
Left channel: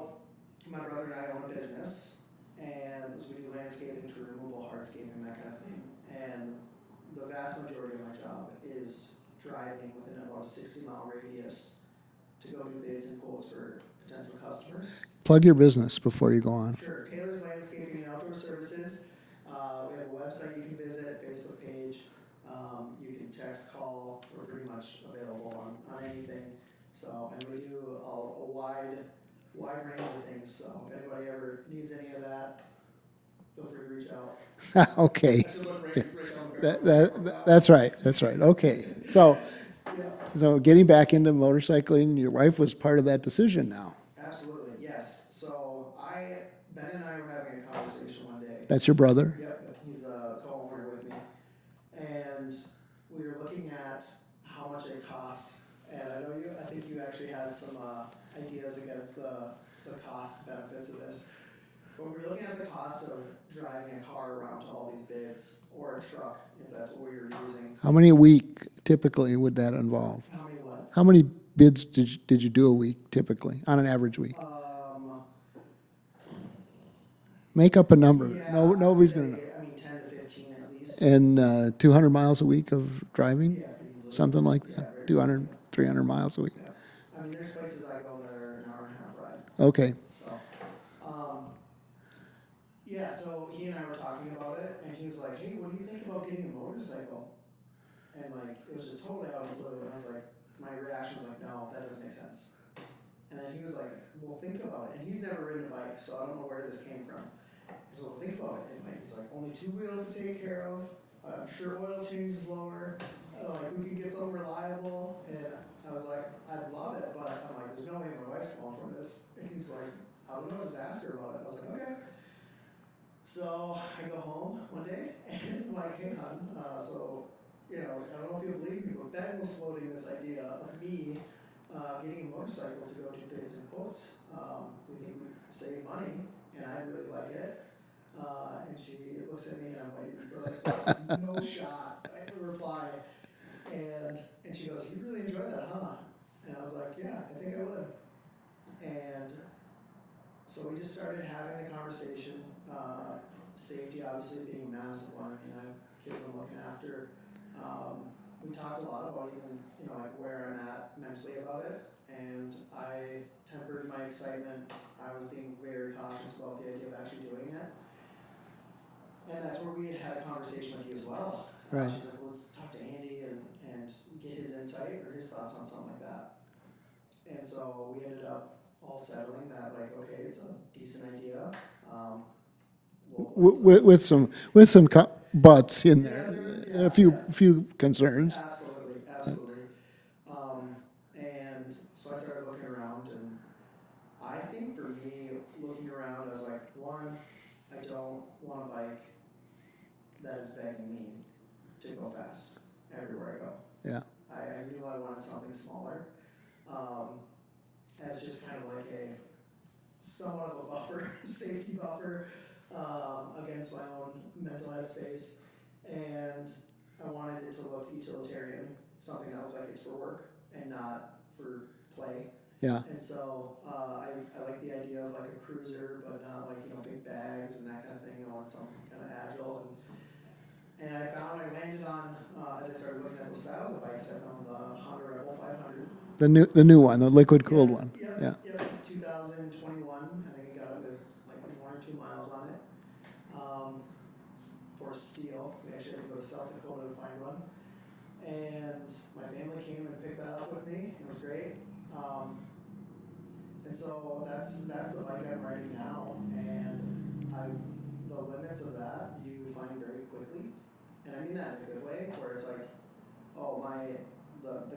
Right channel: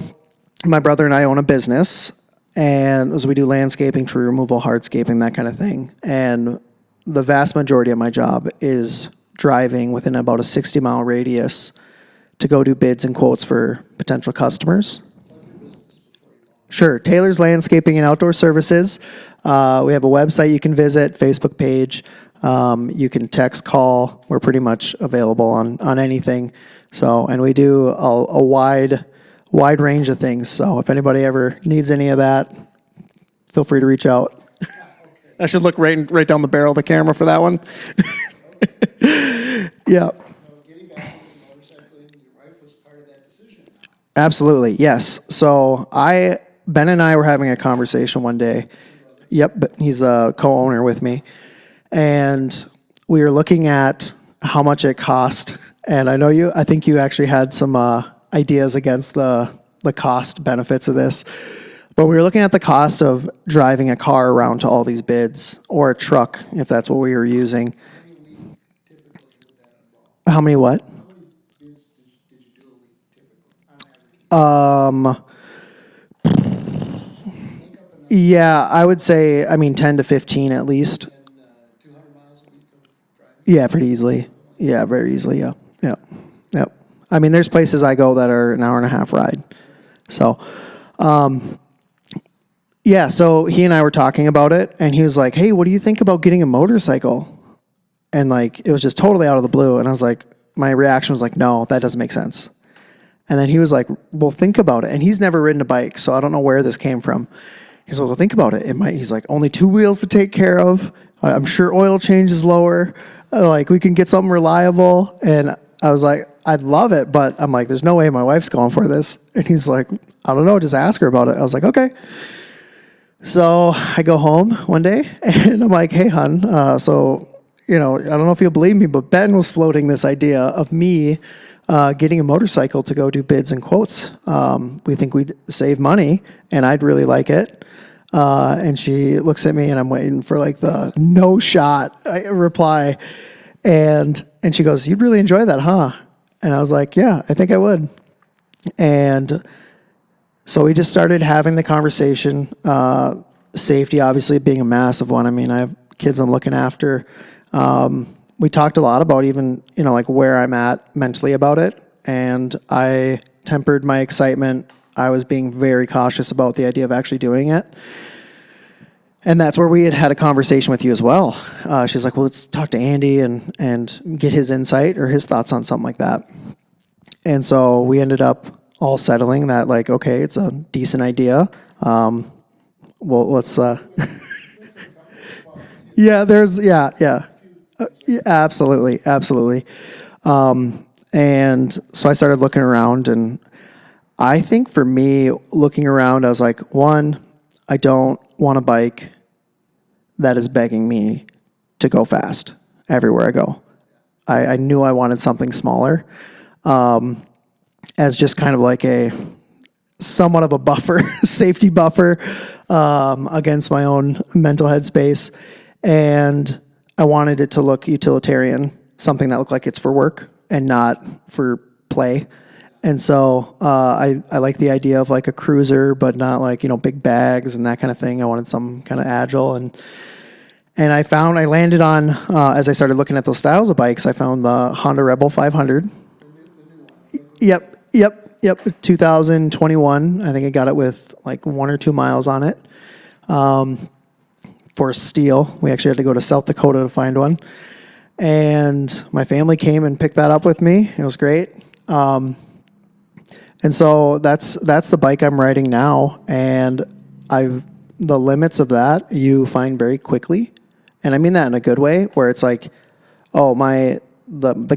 my brother and I own a business, and as we do landscaping, tree removal, hardscaping, that kind of thing. And the vast majority of my job is driving within about a 60-mile radius to go do bids and quotes for potential customers. Plug your business before you go on. Sure. Taylor's Landscaping and Outdoor Services. We have a website you can visit, Facebook page. You can text, call. We're pretty much available on anything. So, and we do a wide range of things. So if anybody ever needs any of that, feel free to reach out. Okay. I should look right down the barrel of the camera for that one. That's right. Okay. So getting back into motorcycling, your wife was part of that decision now. Absolutely, yes. So I Ben and I were having a conversation one day. That's your brother? Yep, but he's a co-owner with me. And we were looking at how much it cost. And I think you actually had some ideas against the cost benefits of this. But we were looking at the cost of driving a car around to all these bids, or a truck, if that's what we were using. How many a week typically would that involve? How many what? How many bids did you do a week typically, on an average week? Make up a number. Yeah, I would say, 10 to 15 at least. And 200 miles a week of driving? Yeah, pretty easily. Something like that? Yeah, very easily, yeah. 300 Yep. miles a week? Yep. There's places I go that are an hour and a half ride. Okay. So, yeah, so he and I were talking about it, and he was like, hey, what do you think about getting a motorcycle? And it was just totally out of the blue. And I was like, my reaction was like, no, that doesn't make sense. And then he was like, well, think about it. And he's never ridden a bike, so I don't know where this came from. He's like, well, think about it. He's like, only 2 wheels to take care of. I'm sure oil change is lower. We can get something reliable. And I was like, I'd love it, but I'm like, there's no way my wife's going for this. And he's like, I don't know, just ask her about it. I was like, okay. So I go home one day, and I'm like, hey, hon, I don't know if you'll believe me, but Ben was floating this idea of me getting a motorcycle to go do bids and quotes. We think we'd save money, and I'd really like it. And she looks at me, and I'm waiting for the no shot reply. And she goes, you'd really enjoy that, huh? And I was like, yeah, I think I would. And so we just started having the conversation. Safety, obviously, being a massive one. I have kids I'm looking after. We talked a lot about even, where I'm at mentally about it. And I tempered my excitement. I was being very cautious about the idea of actually doing it. And that's where we had a conversation with you as well. She's like, well, let's talk to Andy and get his insight or his thoughts on something like that. And so we ended up all settling that, okay, it's a decent idea. Well, let's with some buts. A few concerns. Absolutely. And so I started looking around, and I think for me, looking around, I was like, one, I don't want a bike that is begging me to go fast everywhere I go. Yeah. I knew I wanted something smaller, as just kind of a somewhat of a buffer, safety buffer, against my own mental headspace. And I wanted it to look utilitarian, something that looked like it's for work and not for play. Yeah. And so I like the idea of a cruiser, but not big bags and that kind of thing. I wanted some kind of agile. And I landed on, as I started looking at those styles of bikes, I found the Honda Rebel 500. The new one, the liquid-cooled one. Yep. 2021. I think I got it with 1 or 2 miles on it. For steel. We actually had to go to South Dakota to find one. And my family came and picked that up with me. It was great. And so that's the bike I'm riding now. And the limits of that you find very quickly. And I mean that in a good way, where it's the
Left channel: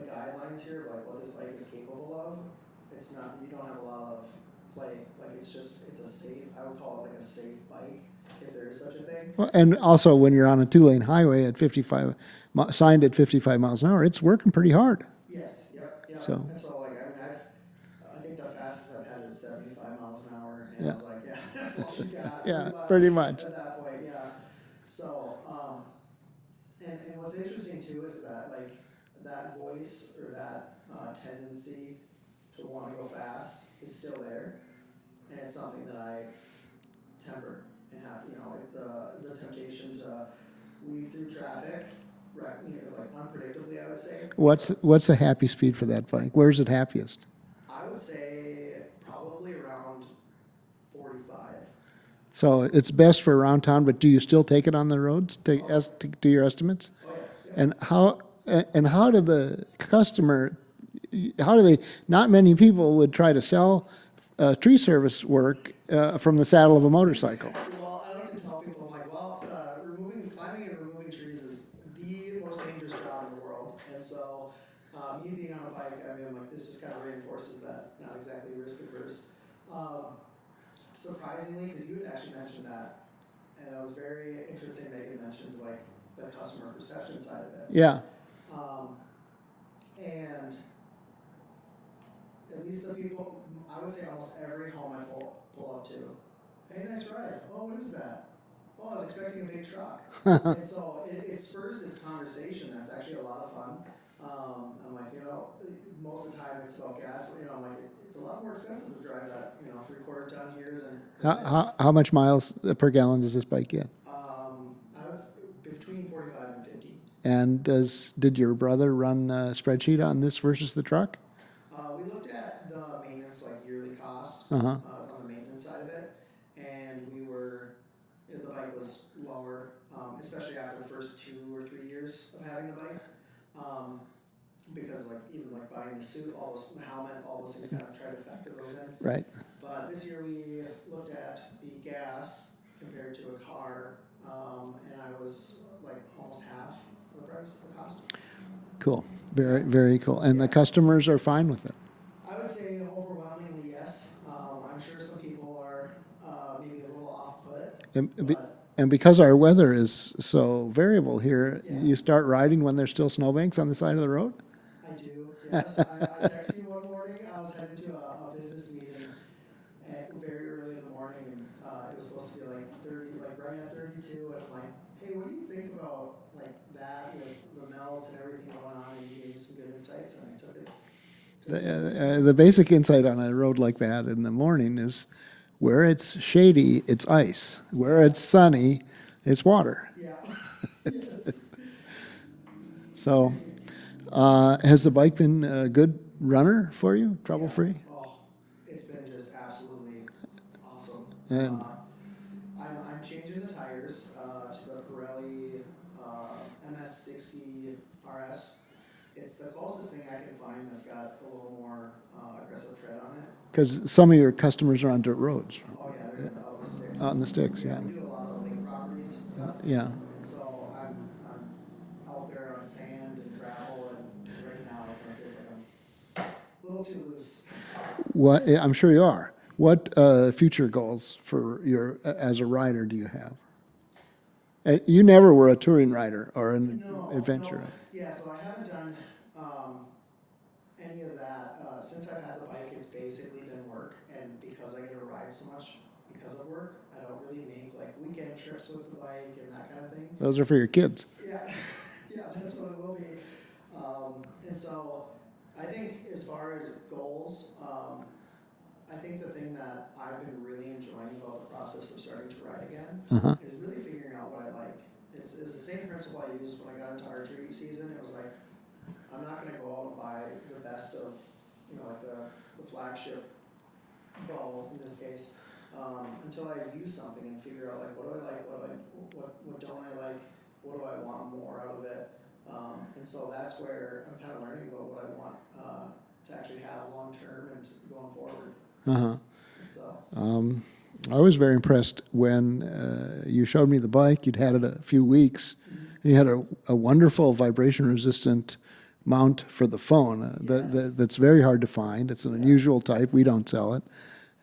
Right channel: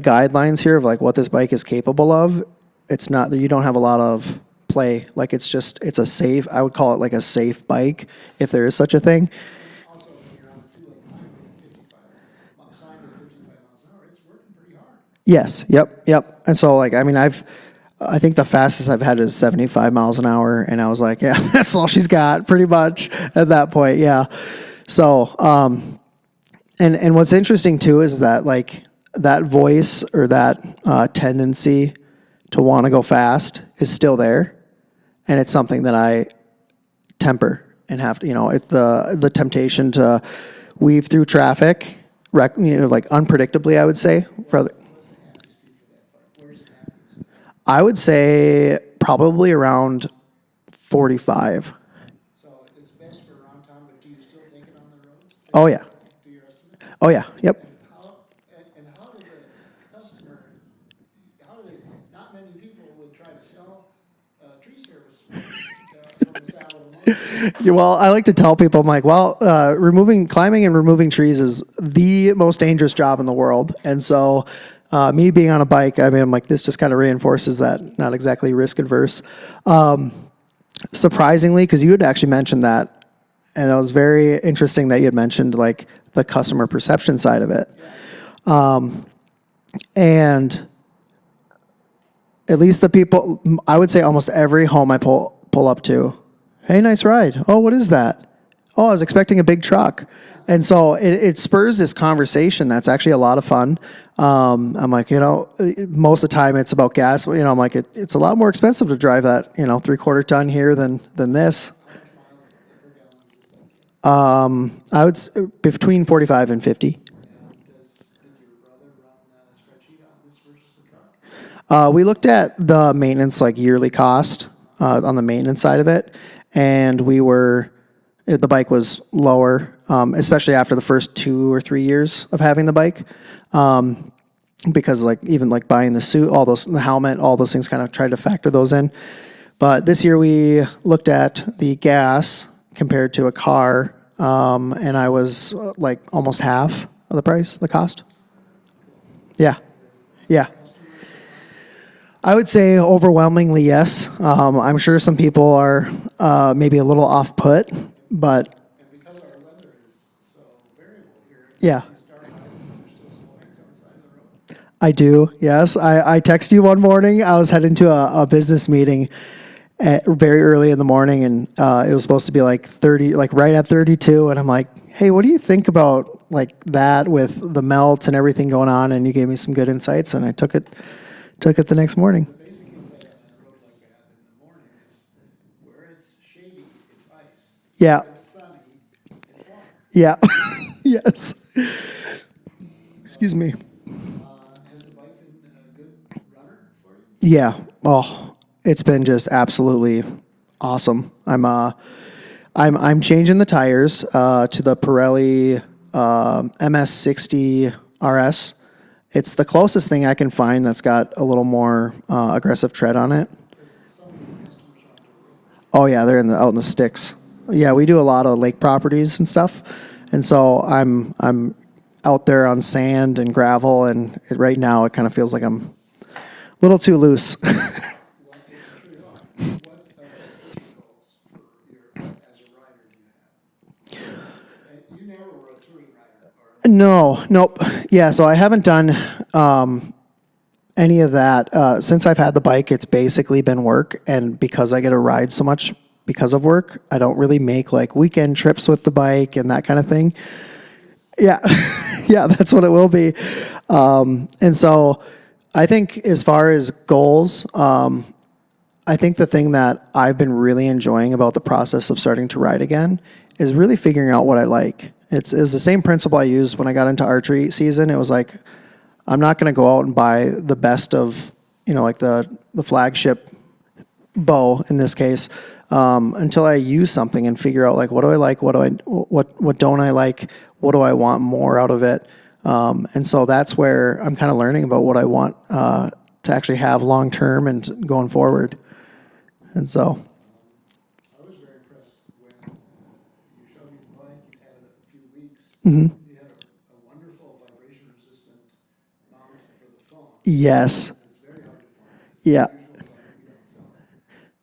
guidelines here of what this bike is capable of, it's not that you don't have a lot of play. It's a safe, I would call it a safe bike, if there is such a thing. Well, and also when you're on a 2-lane highway at 55, signed at 55 miles an hour, it's working pretty hard. Yes. Yep. So. And so I think the fastest I've had is 75 miles an hour. And I was like, yeah, that's all she's got pretty much at that point. Yeah. So, and what's interesting too is that that voice or that tendency to want to go fast is still there. And it's something that I temper and have to, it's the temptation to weave through traffic, unpredictably, I would say. What's the happy speed for that bike? Where's it happiest? I would say probably around 45. So it's best for around town, but do you still take it on the roads? Oh, yeah. Do your estimates? Oh, yeah. Yep. And how do the customer, not many people would try to sell tree service work from the saddle of a motorcycle. Yeah, well, I like to tell people, I'm like, climbing and removing trees is the most dangerous job in the world. And so me being on a bike, I'm like, this just kind of reinforces that, not exactly risk adverse. surprisingly, because you had actually mentioned that, and it was very interesting that you had mentioned like the customer perception side of it. Yeah. And at least the people, I would say almost every home I pull up to, hey, nice ride. Oh, what is that? Oh, I was expecting a big truck. And so it spurs this conversation that's actually a lot of fun. I'm like, most of the time it's about gas. I'm like, it's a lot more expensive to drive that, 3/4 ton here than this. How much miles per gallon does this bike get? I would between 45 and 50. And did your brother run a spreadsheet on this versus the truck? We looked at the maintenance, like yearly cost on the maintenance side of it. And the bike was lower, especially after the first 2 or 3 years of having the bike. Because even buying the suit, the helmet, all those things kind of tried to factor those in. Right. But this year we looked at the gas compared to a car, and I was almost half of the cost. Cool. Yeah. Very cool. And Yeah. the customers are fine with it. I would say overwhelmingly yes. I'm sure some people are maybe a little off put, but And because our weather is so variable here, Yeah. you start riding when there's still snowbanks on the side of the road? I do. Yes, I texted you one morning. I was heading to a business meeting very early in the morning, and it was supposed to be 30, right at 32. And I'm like, hey, what do you think about that with the melts and everything going on? And you gave me some good insights, and I took it the next morning. The basic insight on a road like that in the morning is where it's shady, it's ice. Yeah. Where it's sunny, it's water. Yeah. Yes. So, Excuse me. Has the bike been a good runner for you? Yeah. Trouble-free? Oh, it's been just absolutely awesome. I'm changing the tires to the Pirelli MS60 RS. It's the closest thing I can find that's got a little more aggressive tread on it. Because some of your customers are on dirt roads. Oh yeah, they're out in the sticks. Out in the sticks. Yeah, we do a lot of lake properties and stuff. Yeah. And so I'm out there on sand and gravel, and right now it kind of feels like I'm a little too loose. What I'm sure you are. What future goals for as a rider do you have? You never were a touring rider or an No, nope. adventurer. Yeah, so I haven't done any of that. Since I've had the bike, it's basically been work. And because I get to ride so much because of work, I don't really make weekend trips with the bike and that kind of thing. Those are for your kids. Yeah, yeah, that's what it will be. And so I think as far as goals, I think the thing that I've been really enjoying about the process of starting to ride again is really figuring out what I like. It's the same principle I used when I got into archery season. It was I'm not going to go out and buy the best of, the flagship bow in this case, until I use something and figure out what do I like, what don't I like, what do I want more out of it. And so that's where I'm kind of learning about what I want to actually have long term and going forward. And so I was very impressed when you showed me the bike. You'd had it a few weeks. And you had a wonderful vibration-resistant mount for the phone. Yes. That's very hard to find. It's an Yeah. unusual type. We don't sell it.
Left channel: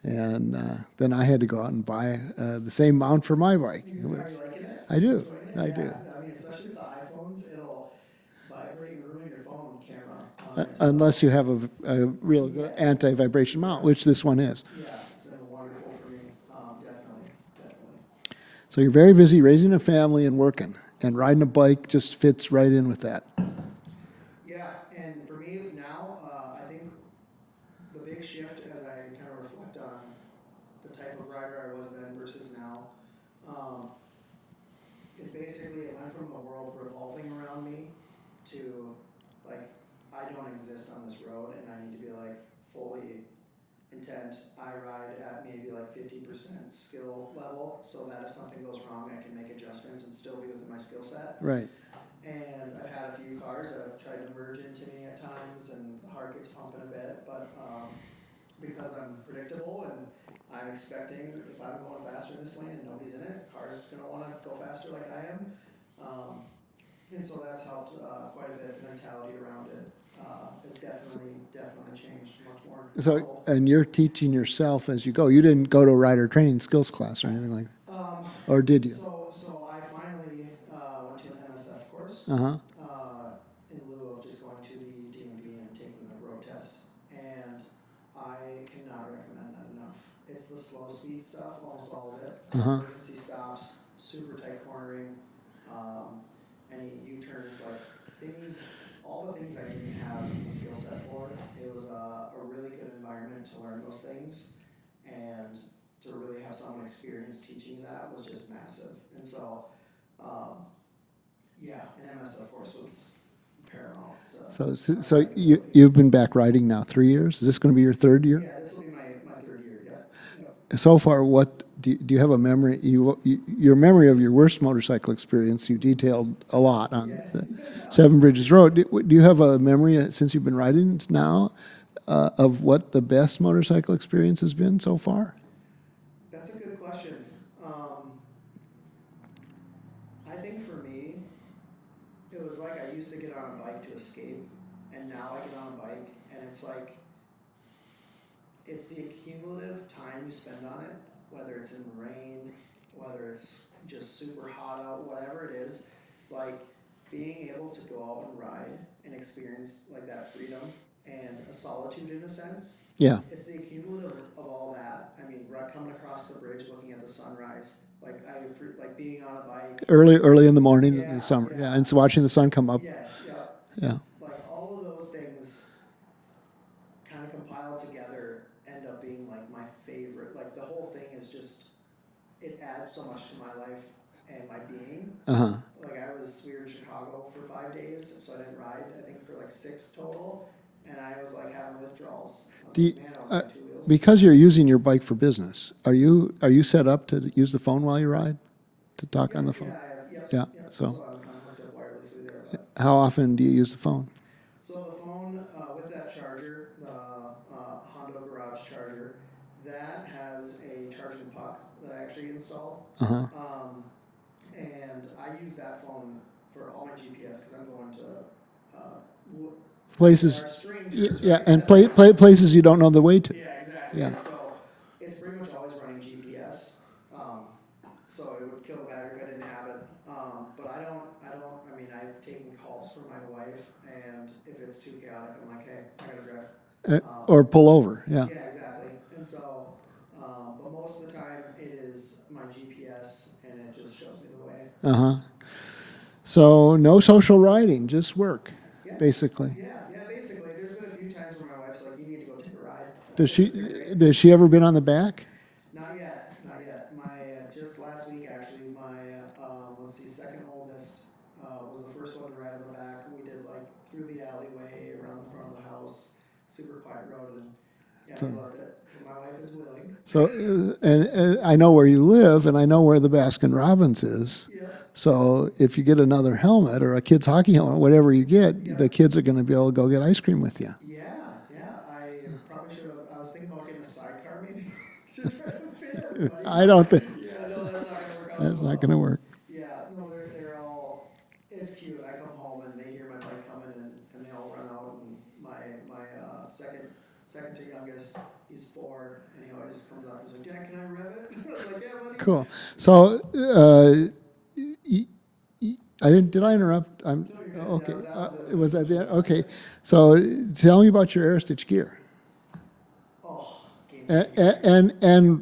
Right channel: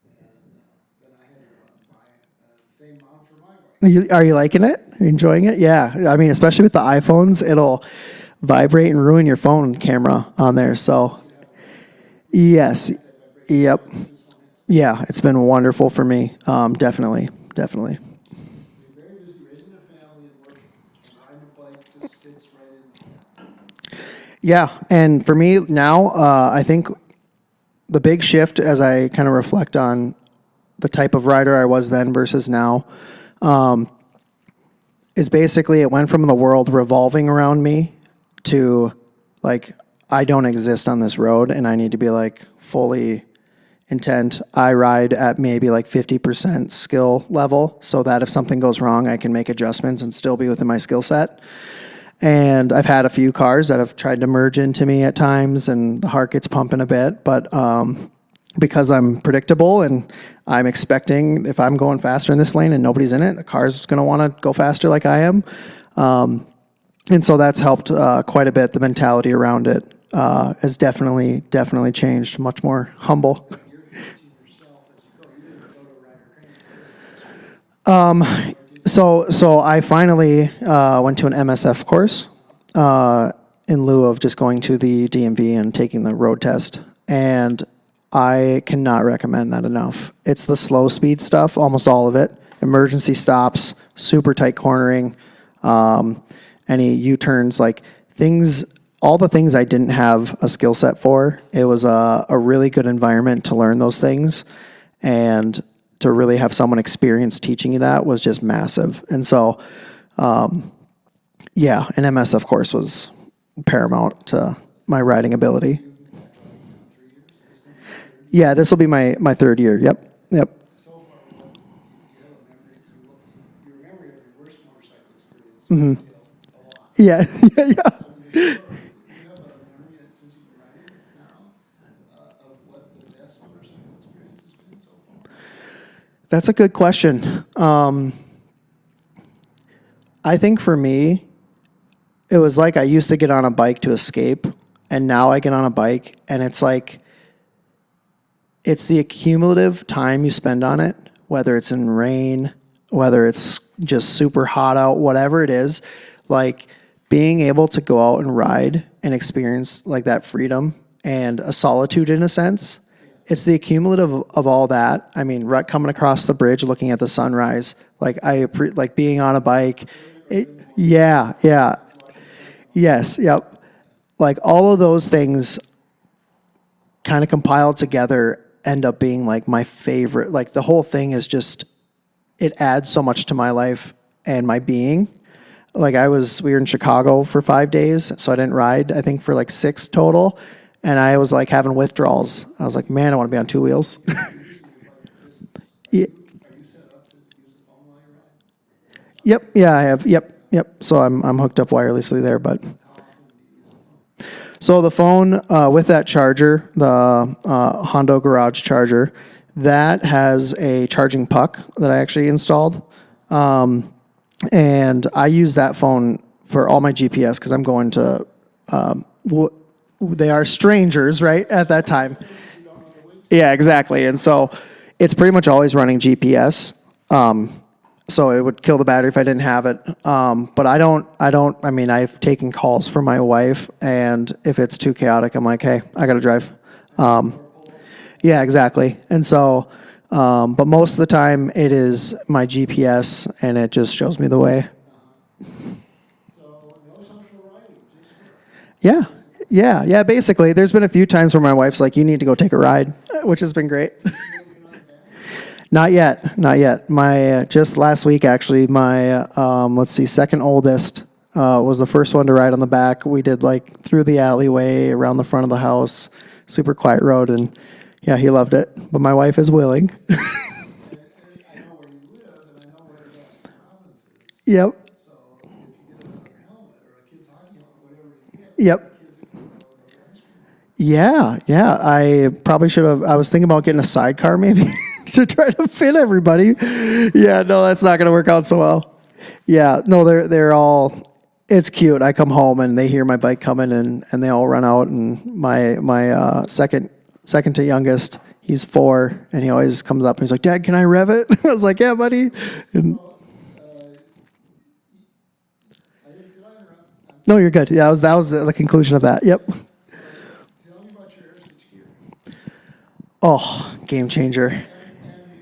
And then I had to go out and buy the same mount for my bike. Are you liking it? Are you enjoying it? Yeah. I mean, especially with the iPhones, it'll vibrate and ruin your phone camera on there. So Unless you have a real Yes. anti-vibration Yep. mount, which this one is. yeah, it's been wonderful for me. Definitely. So you're very busy raising a family and working. And riding a bike just fits right in with that. Yeah. And for me now, I think the big shift as I kind of reflect on the type of rider I was then versus now, is basically it went from the world revolving around me to I don't exist on this road and I need to be fully intent. I ride at maybe 50% skill level so that if something goes wrong, I can make adjustments and still be within my skill set. Right. And I've had a few cars that have tried to merge into me at times and the heart gets pumping a bit, but because I'm predictable and I'm expecting if I'm going faster in this lane and nobody's in it, a car's going to want to go faster like I am. And so that's helped quite a bit, the mentality around it. has definitely changed. Much more humble. And you're teaching yourself as you go. You didn't go to a rider training skills class or anything like that. Or did you? So I finally went to an MSF course in lieu of just going to the DMV and taking the road test. And I cannot recommend that enough. It's the slow speed stuff, almost all of it. Emergency stops, super tight cornering, any U-turns, like things, all the things I didn't have a skill set for. It was a really good environment to learn those things. And to really have someone experienced teaching you that was just massive. And so, an MSF course was paramount to my riding ability. You've been back riding now 3 years. Is this going to be your third year? Yeah, this will be my third year. Yep. So far, what do you have a memory? Your memory of your worst motorcycle experience? You detailed a lot. On Yeah. Seven Bridges Road. Do you have a memory since you've been riding now of what the best motorcycle experience has been so far? That's a good question. I think for me, it was like I used to get on a bike to escape, and now I get on a bike, and it's like, it's the accumulative time you spend on it, whether it's in rain, whether it's just super hot out, whatever it is, like being able to go out and ride and experience like that freedom and a solitude in a sense. Yeah. It's the accumulative of all that. I mean, coming across the bridge, looking at the sunrise, like like being on a bike early in the morning. Yeah. And so watching the sun come up. Yes. Yep. Yeah. Like all of those things kind of compiled together end up being like my favorite. Like the whole thing is just, it adds so much to my life and my being. Like we were in Chicago for 5 days, so I didn't ride, I think for like 6 total. And I was like having withdrawals. I was like, man, I want to be on 2 wheels. Because you're using your bike for business. Are you set up to use the phone while you ride? To talk on the phone? Yeah, I have. Yep. So- So I'm hooked up wirelessly there, but How often do you use the phone? so the phone with that charger, the Hondo Garage charger, that has a charging puck that I actually installed. And I use that phone for all my GPS because I'm going to Places- they are strangers, right? And At that time. places you don't know the way to. Yeah, exactly. And so it's pretty much always running GPS. So it would kill the battery if I didn't have it. But I mean, I've taken calls from my wife, and if it's too chaotic, I'm like, hey, I got to drive. Or pull over. Yeah, exactly. And so, but most of the time it is my GPS, and it just shows me the way. So no social riding, just work. Yeah. Basically. Yeah, basically. There's been a few times where my wife's like, you need to go take a ride, which has been great. Has she ever been on the back? Not yet. My, just last week, actually, my, second oldest was the first one to ride on the back. We did like through the alleyway, around the front of the house, super quiet road, and yeah, he loved it. But my wife is willing. So, and I know where you live, and I know where the Baskin Robbins is. Yep. So if you get another helmet or a kid's hockey helmet, whatever you get, the kids are going to be able to go get ice cream with you. Yeah. I probably should have. I was thinking about getting a sidecar maybe to try to fit everybody. I don't think. Yeah, no, that's not going to work out so well. Not going to work. Yeah, no, they're all. It's cute. I come home and they hear my bike coming and they all run out. And my second to youngest, he's 4, and he always comes up and he's like, "Dad, can I rev it?" I was like, "Yeah, buddy." Cool. So. Did I interrupt? No, you're good. Yeah, that was the conclusion of that. Okay. Yep. So tell me about your Aerostich gear. Oh, game changer. And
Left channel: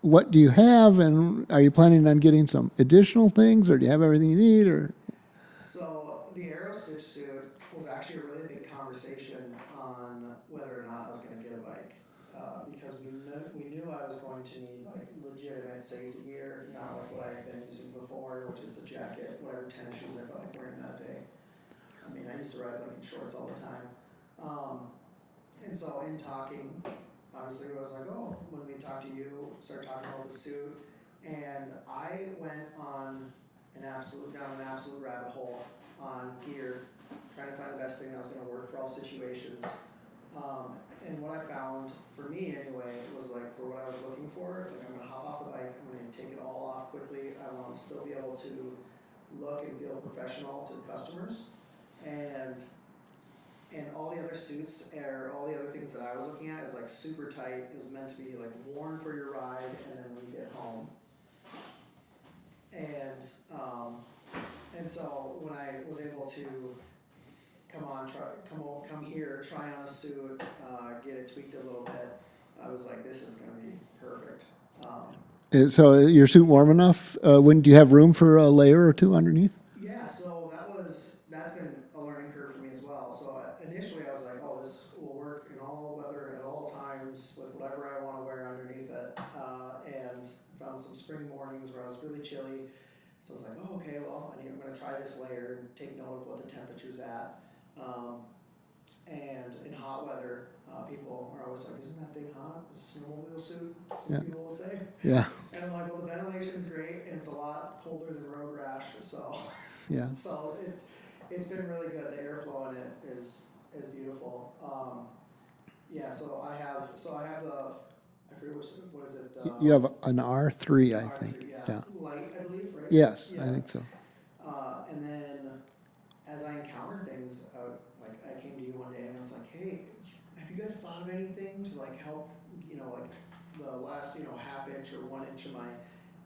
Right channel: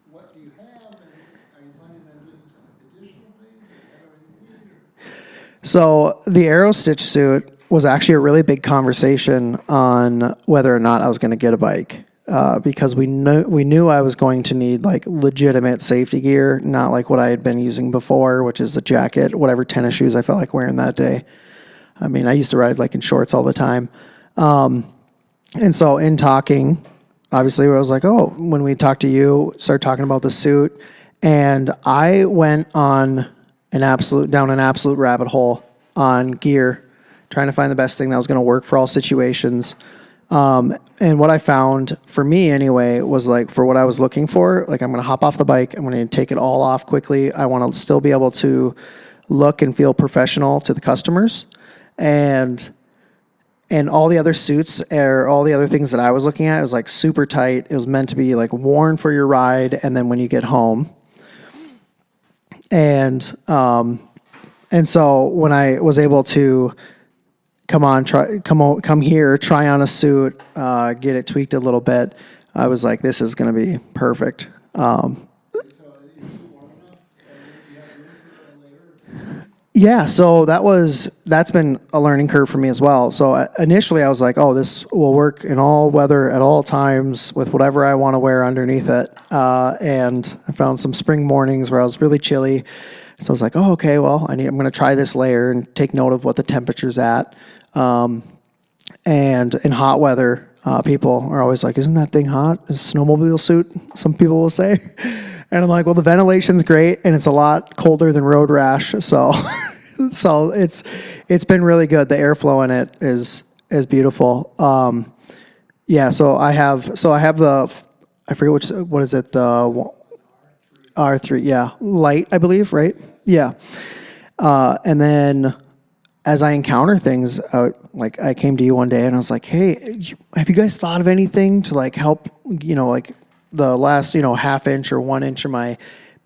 what do you have? And are you planning on getting some additional things, or do you have everything you need? Or So the Aerostich suit was actually a really big conversation on whether or not I was going to get a bike. Because we knew I was going to need like legitimate safety gear, not like what I had been using before, which is a jacket, whatever tennis shoes I felt like wearing that day. I mean, I used to ride like in shorts all the time. And so in talking, obviously I was like, oh, when we talked to you, started talking about the suit, and I went on down an absolute rabbit hole on gear, trying to find the best thing that was going to work for all situations. And what I found, for me anyway, was like for what I was looking for, like I'm going to hop off the bike, I'm going to take it all off quickly. I want to still be able to look and feel professional to the customers. And And all the other suits or all the other things that I was looking at, it was like super tight. It was meant to be like worn for your ride and then when you get home. And so when I was able to come here, try on a suit, get it tweaked a little bit, I was like, this is going to be perfect. So your suit warm enough? Do you have room for a layer or two underneath? Yeah, so that's been a learning curve for me as well. So initially I was like, oh, this will work in all weather at all times with whatever I want to wear underneath it. And I found some spring mornings where I was really chilly. So I was like, oh, okay, well, I'm going to try this layer and take note of what the temperature's at. And in hot weather, people are always like, isn't that thing hot? It's a snowmobile suit, some people will say. Yeah. And I'm like, well, the ventilation's great, and it's a lot colder than road rash. So so it's been really good. The airflow in it is beautiful. So I have the, I forget what is it? An R3. R3, light, I believe, right? Yes. Yeah. And then as I encounter things, like I came to you one day and I was like, hey, have you guys thought of anything to like help, like the last, half inch or 1 inch of my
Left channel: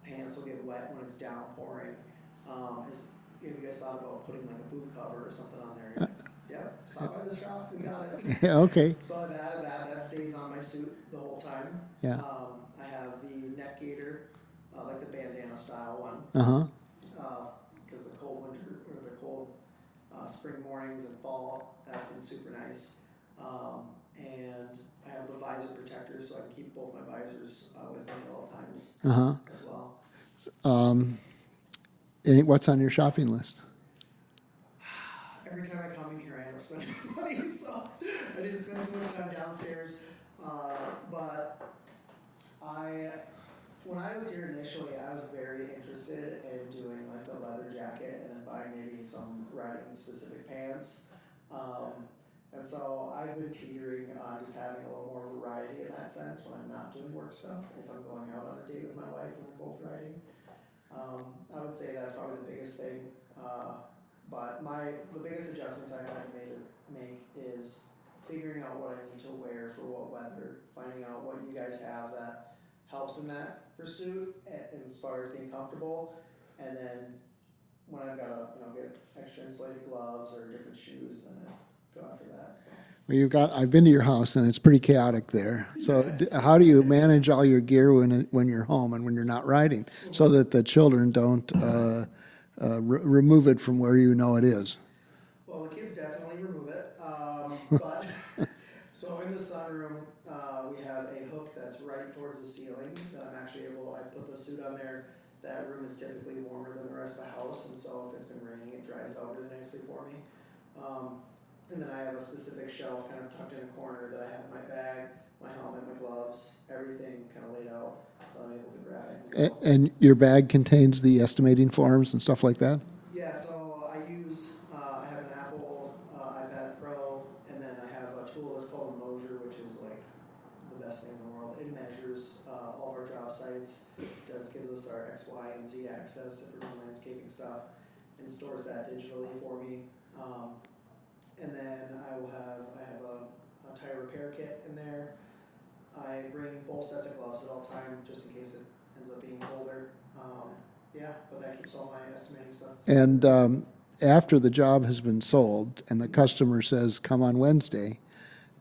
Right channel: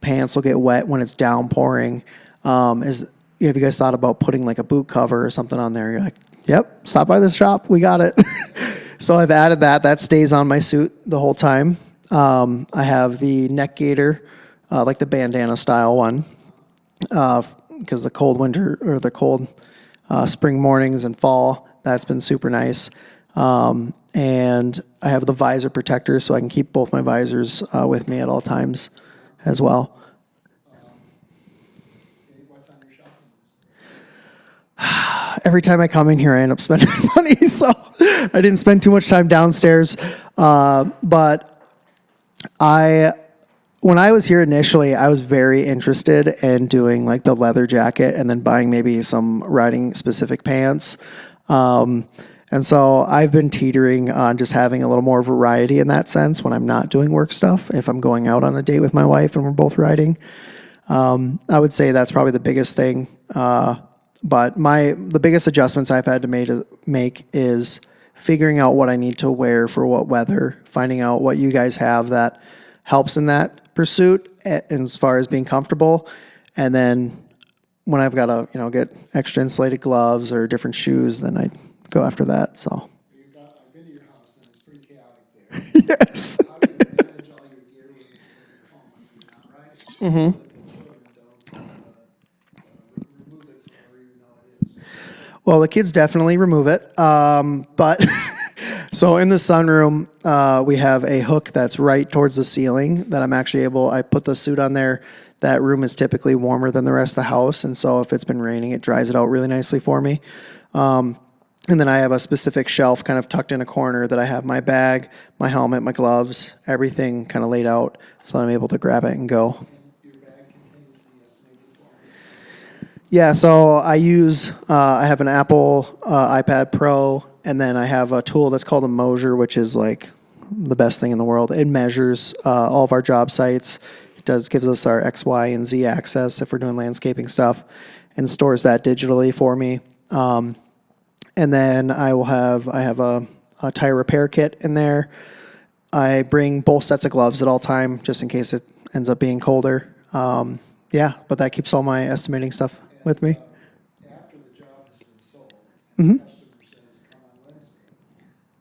pants will get wet when it's downpouring. Have you guys thought about putting like a boot cover or something on there? You're like, yep, stop by the shop. We got it. Okay. So I've added that. That stays on my suit the whole time. Yeah. I have the neck gaiter, like the bandana style one. Because the cold winter or the cold spring mornings and fall, that's been super nice. And I have the visor protector so I can keep both my visors with me at all times as well. What's on your shopping list? Every time I come in here, I end up spending money, so I didn't spend too much time downstairs. But when I was here initially, I was very interested in doing like the leather jacket and then buying maybe some riding specific pants. And so I've been teetering on just having a little more variety in that sense when I'm not doing work stuff. If I'm going out on a date with my wife and we're both riding, I would say that's probably the biggest thing. But the biggest adjustments I've had to make is figuring out what I need to wear for what weather, finding out what you guys have that helps in that pursuit as far as being comfortable. And then when I've got to, get extra insulated gloves or different shoes, then I go after that. So well, I've been to your house and it's pretty chaotic there. Yes. So how do you manage all your gear when you're home and when you're not riding, so that the children don't remove it from where it is? Well, the kids definitely remove it. But so in the sunroom, we have a hook that's right towards the ceiling that I put the suit on there. That room is typically warmer than the rest of the house. And so if it's been raining, it dries it out really nicely for me. And then I have a specific shelf kind of tucked in a corner that I have my bag, my helmet, my gloves, everything kind of laid out so I'm able to grab it and go. And your bag contains the estimating forms and stuff like that? Yeah, so I have an Apple iPad Pro, and then I have a tool that's called a Mosier, which is like the best thing in the world. It measures all of our job sites. It gives us our X, Y, and Z access if we're doing landscaping stuff, and stores that digitally for me. And then I have a tire repair kit in there. I bring both sets of gloves at all time, just in case it ends up being colder. But that keeps all my estimating stuff with me. And after the job has been sold and the customer says, come on Wednesday,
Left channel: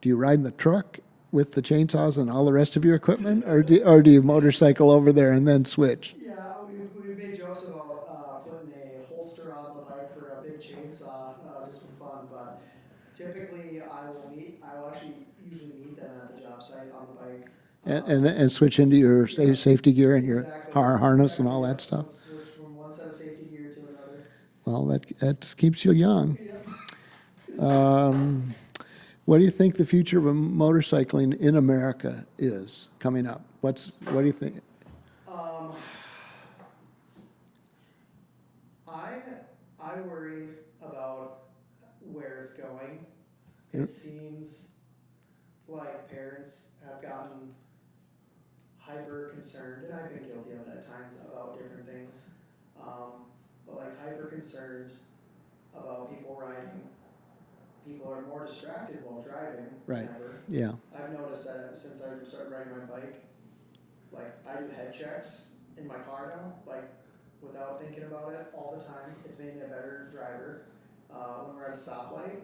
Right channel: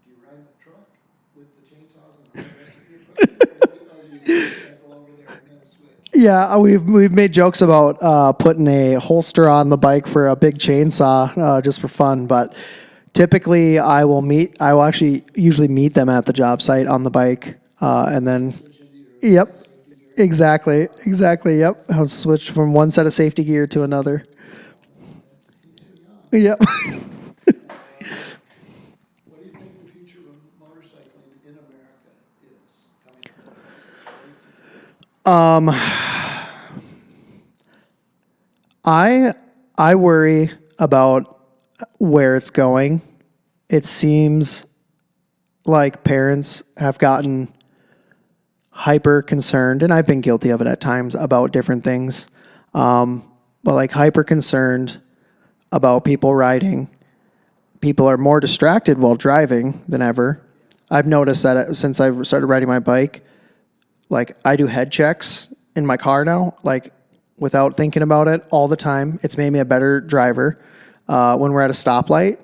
do you ride in the truck with the chainsaws and all the rest of your equipment, or do you motorcycle over there and then switch? Yeah, we've made jokes about putting a holster on the bike for a big chainsaw just for fun, but typically I will actually usually meet them at the job site on the bike. And then switch into your safety gear. And exactly. Your harness. Exactly. Yep. I'll switch from one set of safety gear to another. Well, that keeps you young. Yep. What do you think the future of motorcycling in America is coming up? What do you think? I worry about where it's going. It seems like parents have gotten hyper concerned, and I've been guilty of it at times, about different things. But like hyper concerned about people riding, people are more distracted while driving than ever. Yeah. I've noticed that since I started riding my bike, like I do head checks in my car now, like without thinking about it all the time. It's made me a better driver. When we're at a stoplight,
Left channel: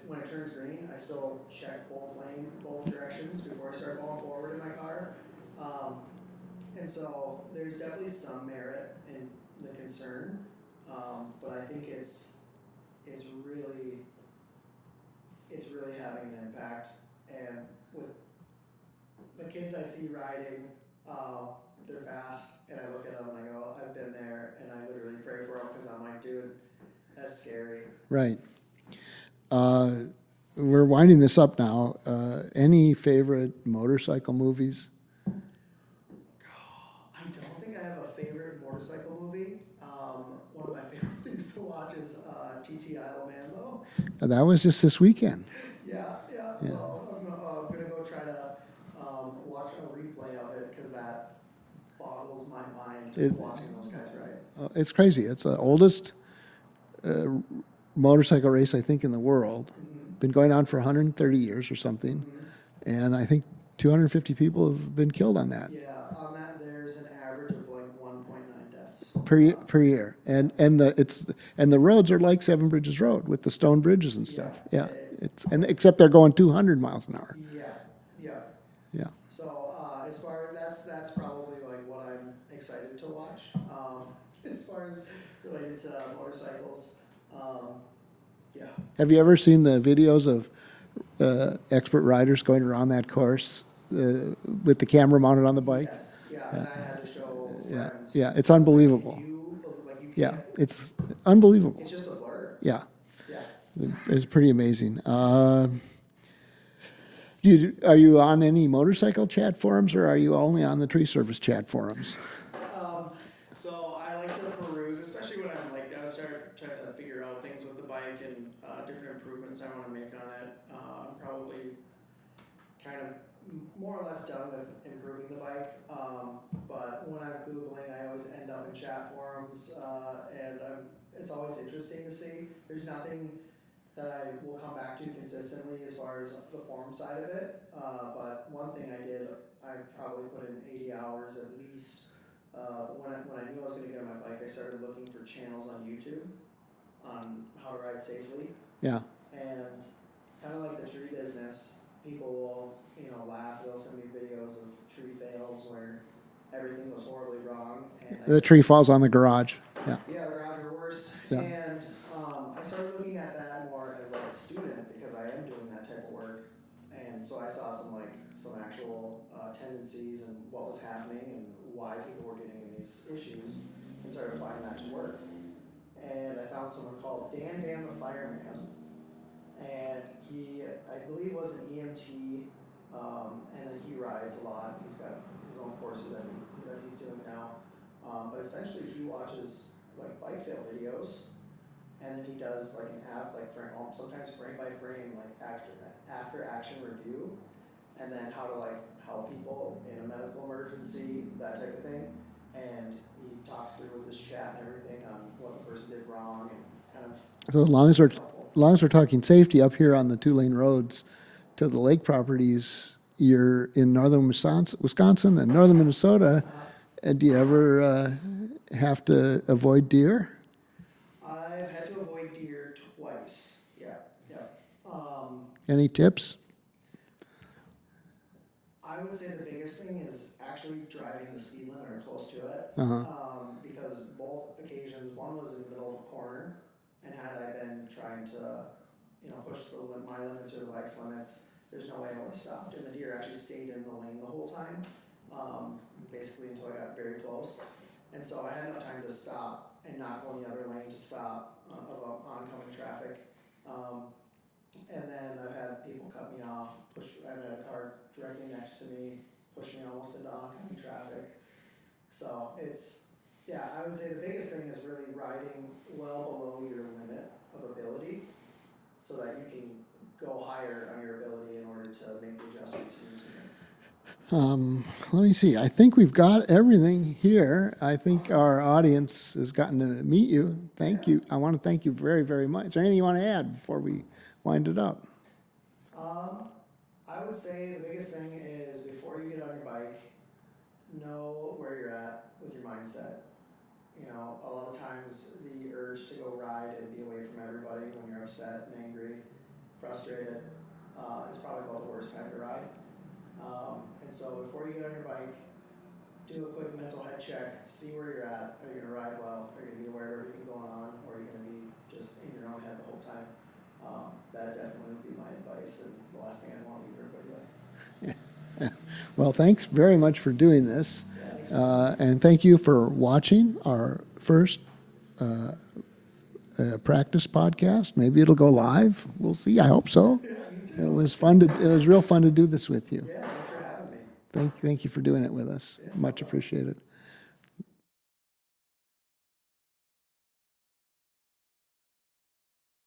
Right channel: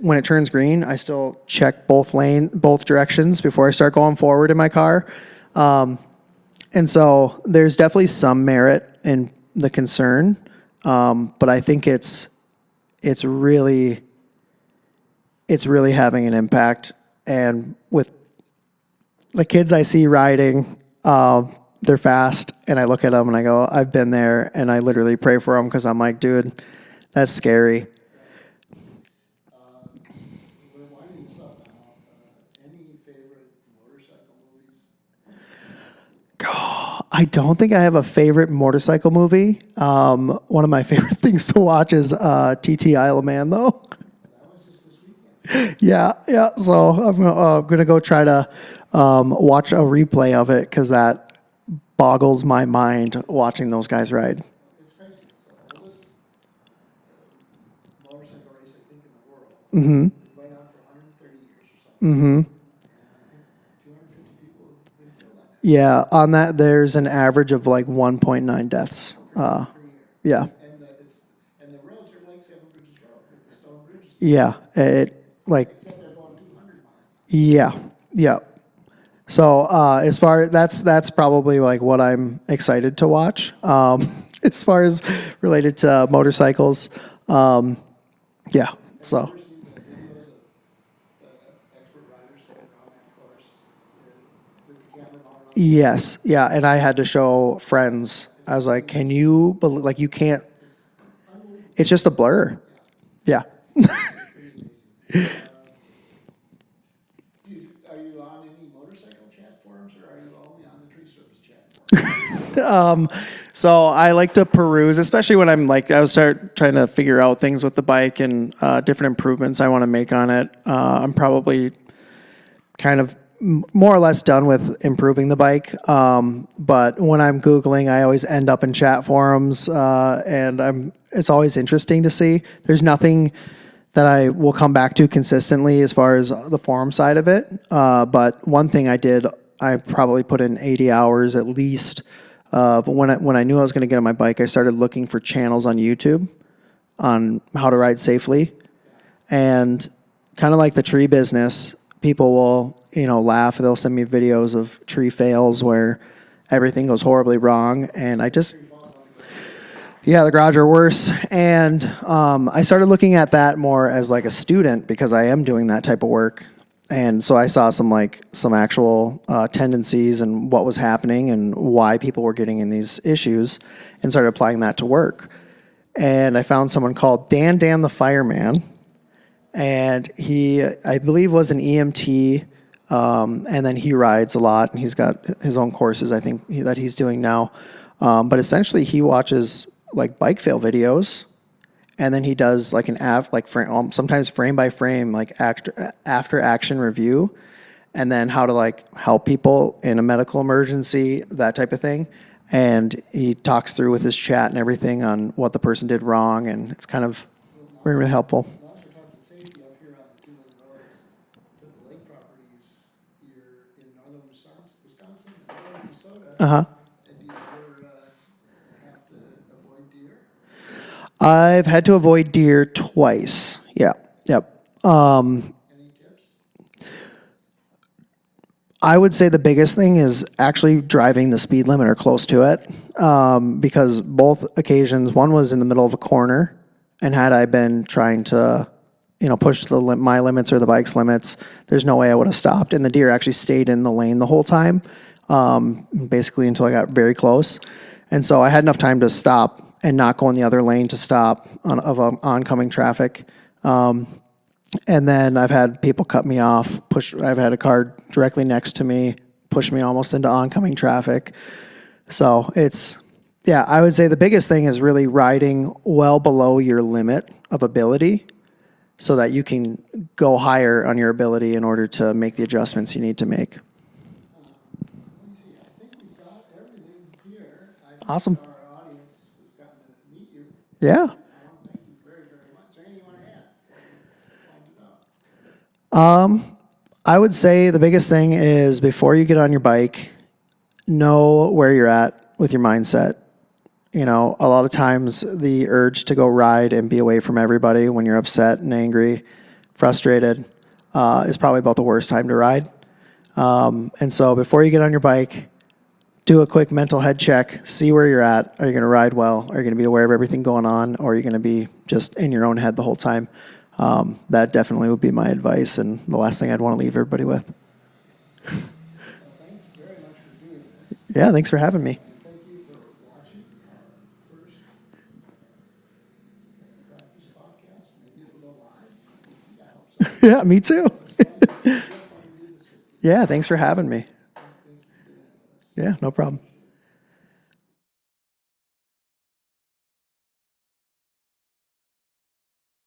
when it turns green, I still check both directions before I start going forward in my car. And so there's definitely some merit in the concern, but I think it's really having an impact. And with the kids I see riding, they're fast, and I look at them and I go, I've been there, and I literally pray for them because I'm like, dude, that's scary. Right. We're winding this up now. Any favorite motorcycle movies? I don't think I have a favorite motorcycle movie. One of my favorite things to watch is TT Isle of Man, though. That was just this weekend. Yeah. So I'm gonna go try to watch a replay of it because that boggles my mind watching those guys ride. It's crazy. It's the oldest motorcycle race, I think, in the world. Mm-hmm. Been going on for 130 years or something. And I think 250 people have been killed on that. Yeah, on that there's an average of like 1.9 deaths per year. Yeah, and the roads are like Seven Bridges Road with the stone bridges and yeah, stuff. It's like, except they're going 200 miles an hour. Yeah. Yeah. So as far that's probably like what I'm excited to watch. As far as related to motorcycles, yeah. Have you ever seen the videos of expert riders going around that course with the camera mounted on the bike? Yes, yeah, and I had to show friends. Yeah, it's I was like, unbelievable. can you believe? Like, you can't. Yeah, it's unbelievable. It's just a blur. Yeah, Yeah. it's pretty amazing. Are you on any motorcycle chat forums, or are you only on the tree service chat forums? So I like to peruse, especially when I'm like, I start trying to figure out things with the bike and different improvements I want to make on it. I'm probably kind of more or less done with improving the bike. But when I'm Googling, I always end up in chat forums, and it's always interesting to see. There's nothing that I will come back to consistently as far as the forum side of it. But one thing I probably put in 80 hours at least. But when I knew I was going to get on my bike, I started looking for channels on YouTube on how to ride safely. Yeah. And kind of like the tree business, people will, laugh. They'll send me videos of tree fails where everything goes horribly wrong. And The tree falls on the garage. Yeah, the garage are worse. And I started looking at that more as like a student because I am doing that type of work. And so I saw some actual tendencies and what was happening and why people were getting in these issues and started applying that to work. And I found someone called Dan the Fireman. And he, I believe, was an EMT. And then he rides a lot, and he's got his own courses, I think, that he's doing now. But essentially, he watches like bike fail videos, and then he does like sometimes frame by frame, like after action review, and then how to like help people in a medical emergency, that type of thing. And he talks through with his chat and everything on what the person did wrong, and it's kind of very helpful. As long as we're talking safety up here on the 2-lane roads to the lake properties, you're in northern Wisconsin and northern Minnesota. Uh-huh. And do you ever have to avoid deer? I've had to avoid deer twice. Yeah. Yep. Any tips? I would say the biggest thing is actually driving the speed limit or close to it. Because both occasions, one was in the middle of a corner, and had I been trying to, push my limits or the bike's limits, there's no way I would have stopped. And the deer actually stayed in the lane the whole time. Basically until I got very close. And so I had enough time to stop and not go in the other lane to stop of oncoming traffic. And then I've had people cut me off, I've had a car directly next to me, push me almost into oncoming traffic. So I would say the biggest thing is really riding well below your limit of ability so that you can go higher on your ability in order to make the adjustments you need to make. Let me see. I think we've got everything here. I think Awesome. Our audience has gotten to meet you. Yeah. Thank you. I want to thank you very, very much. Is there anything you want to add before we wind it up? I would say the biggest thing is before you get on your bike, know where you're at with your mindset. You know, a lot of times the urge to go ride and be away from everybody when you're upset and angry, frustrated, is probably about the worst time to ride. And so before you get on your bike, do a quick mental head check, see where you're at. Are you going to ride well? Are you going to be aware of everything going on? Or are you going to be just in your own head the whole time? That definitely would be my advice and the last thing I'd want to leave everybody with. Well, thanks very much for doing this. Yeah, thanks for having me. And thank you for watching our first practice podcast. Maybe it'll go live. We'll see. I hope so. Yeah, me It too. was fun. It was real fun to do this with you. Yeah, thank you for having me. Thank you for doing it with us. Yeah, no Much problem. Appreciate it.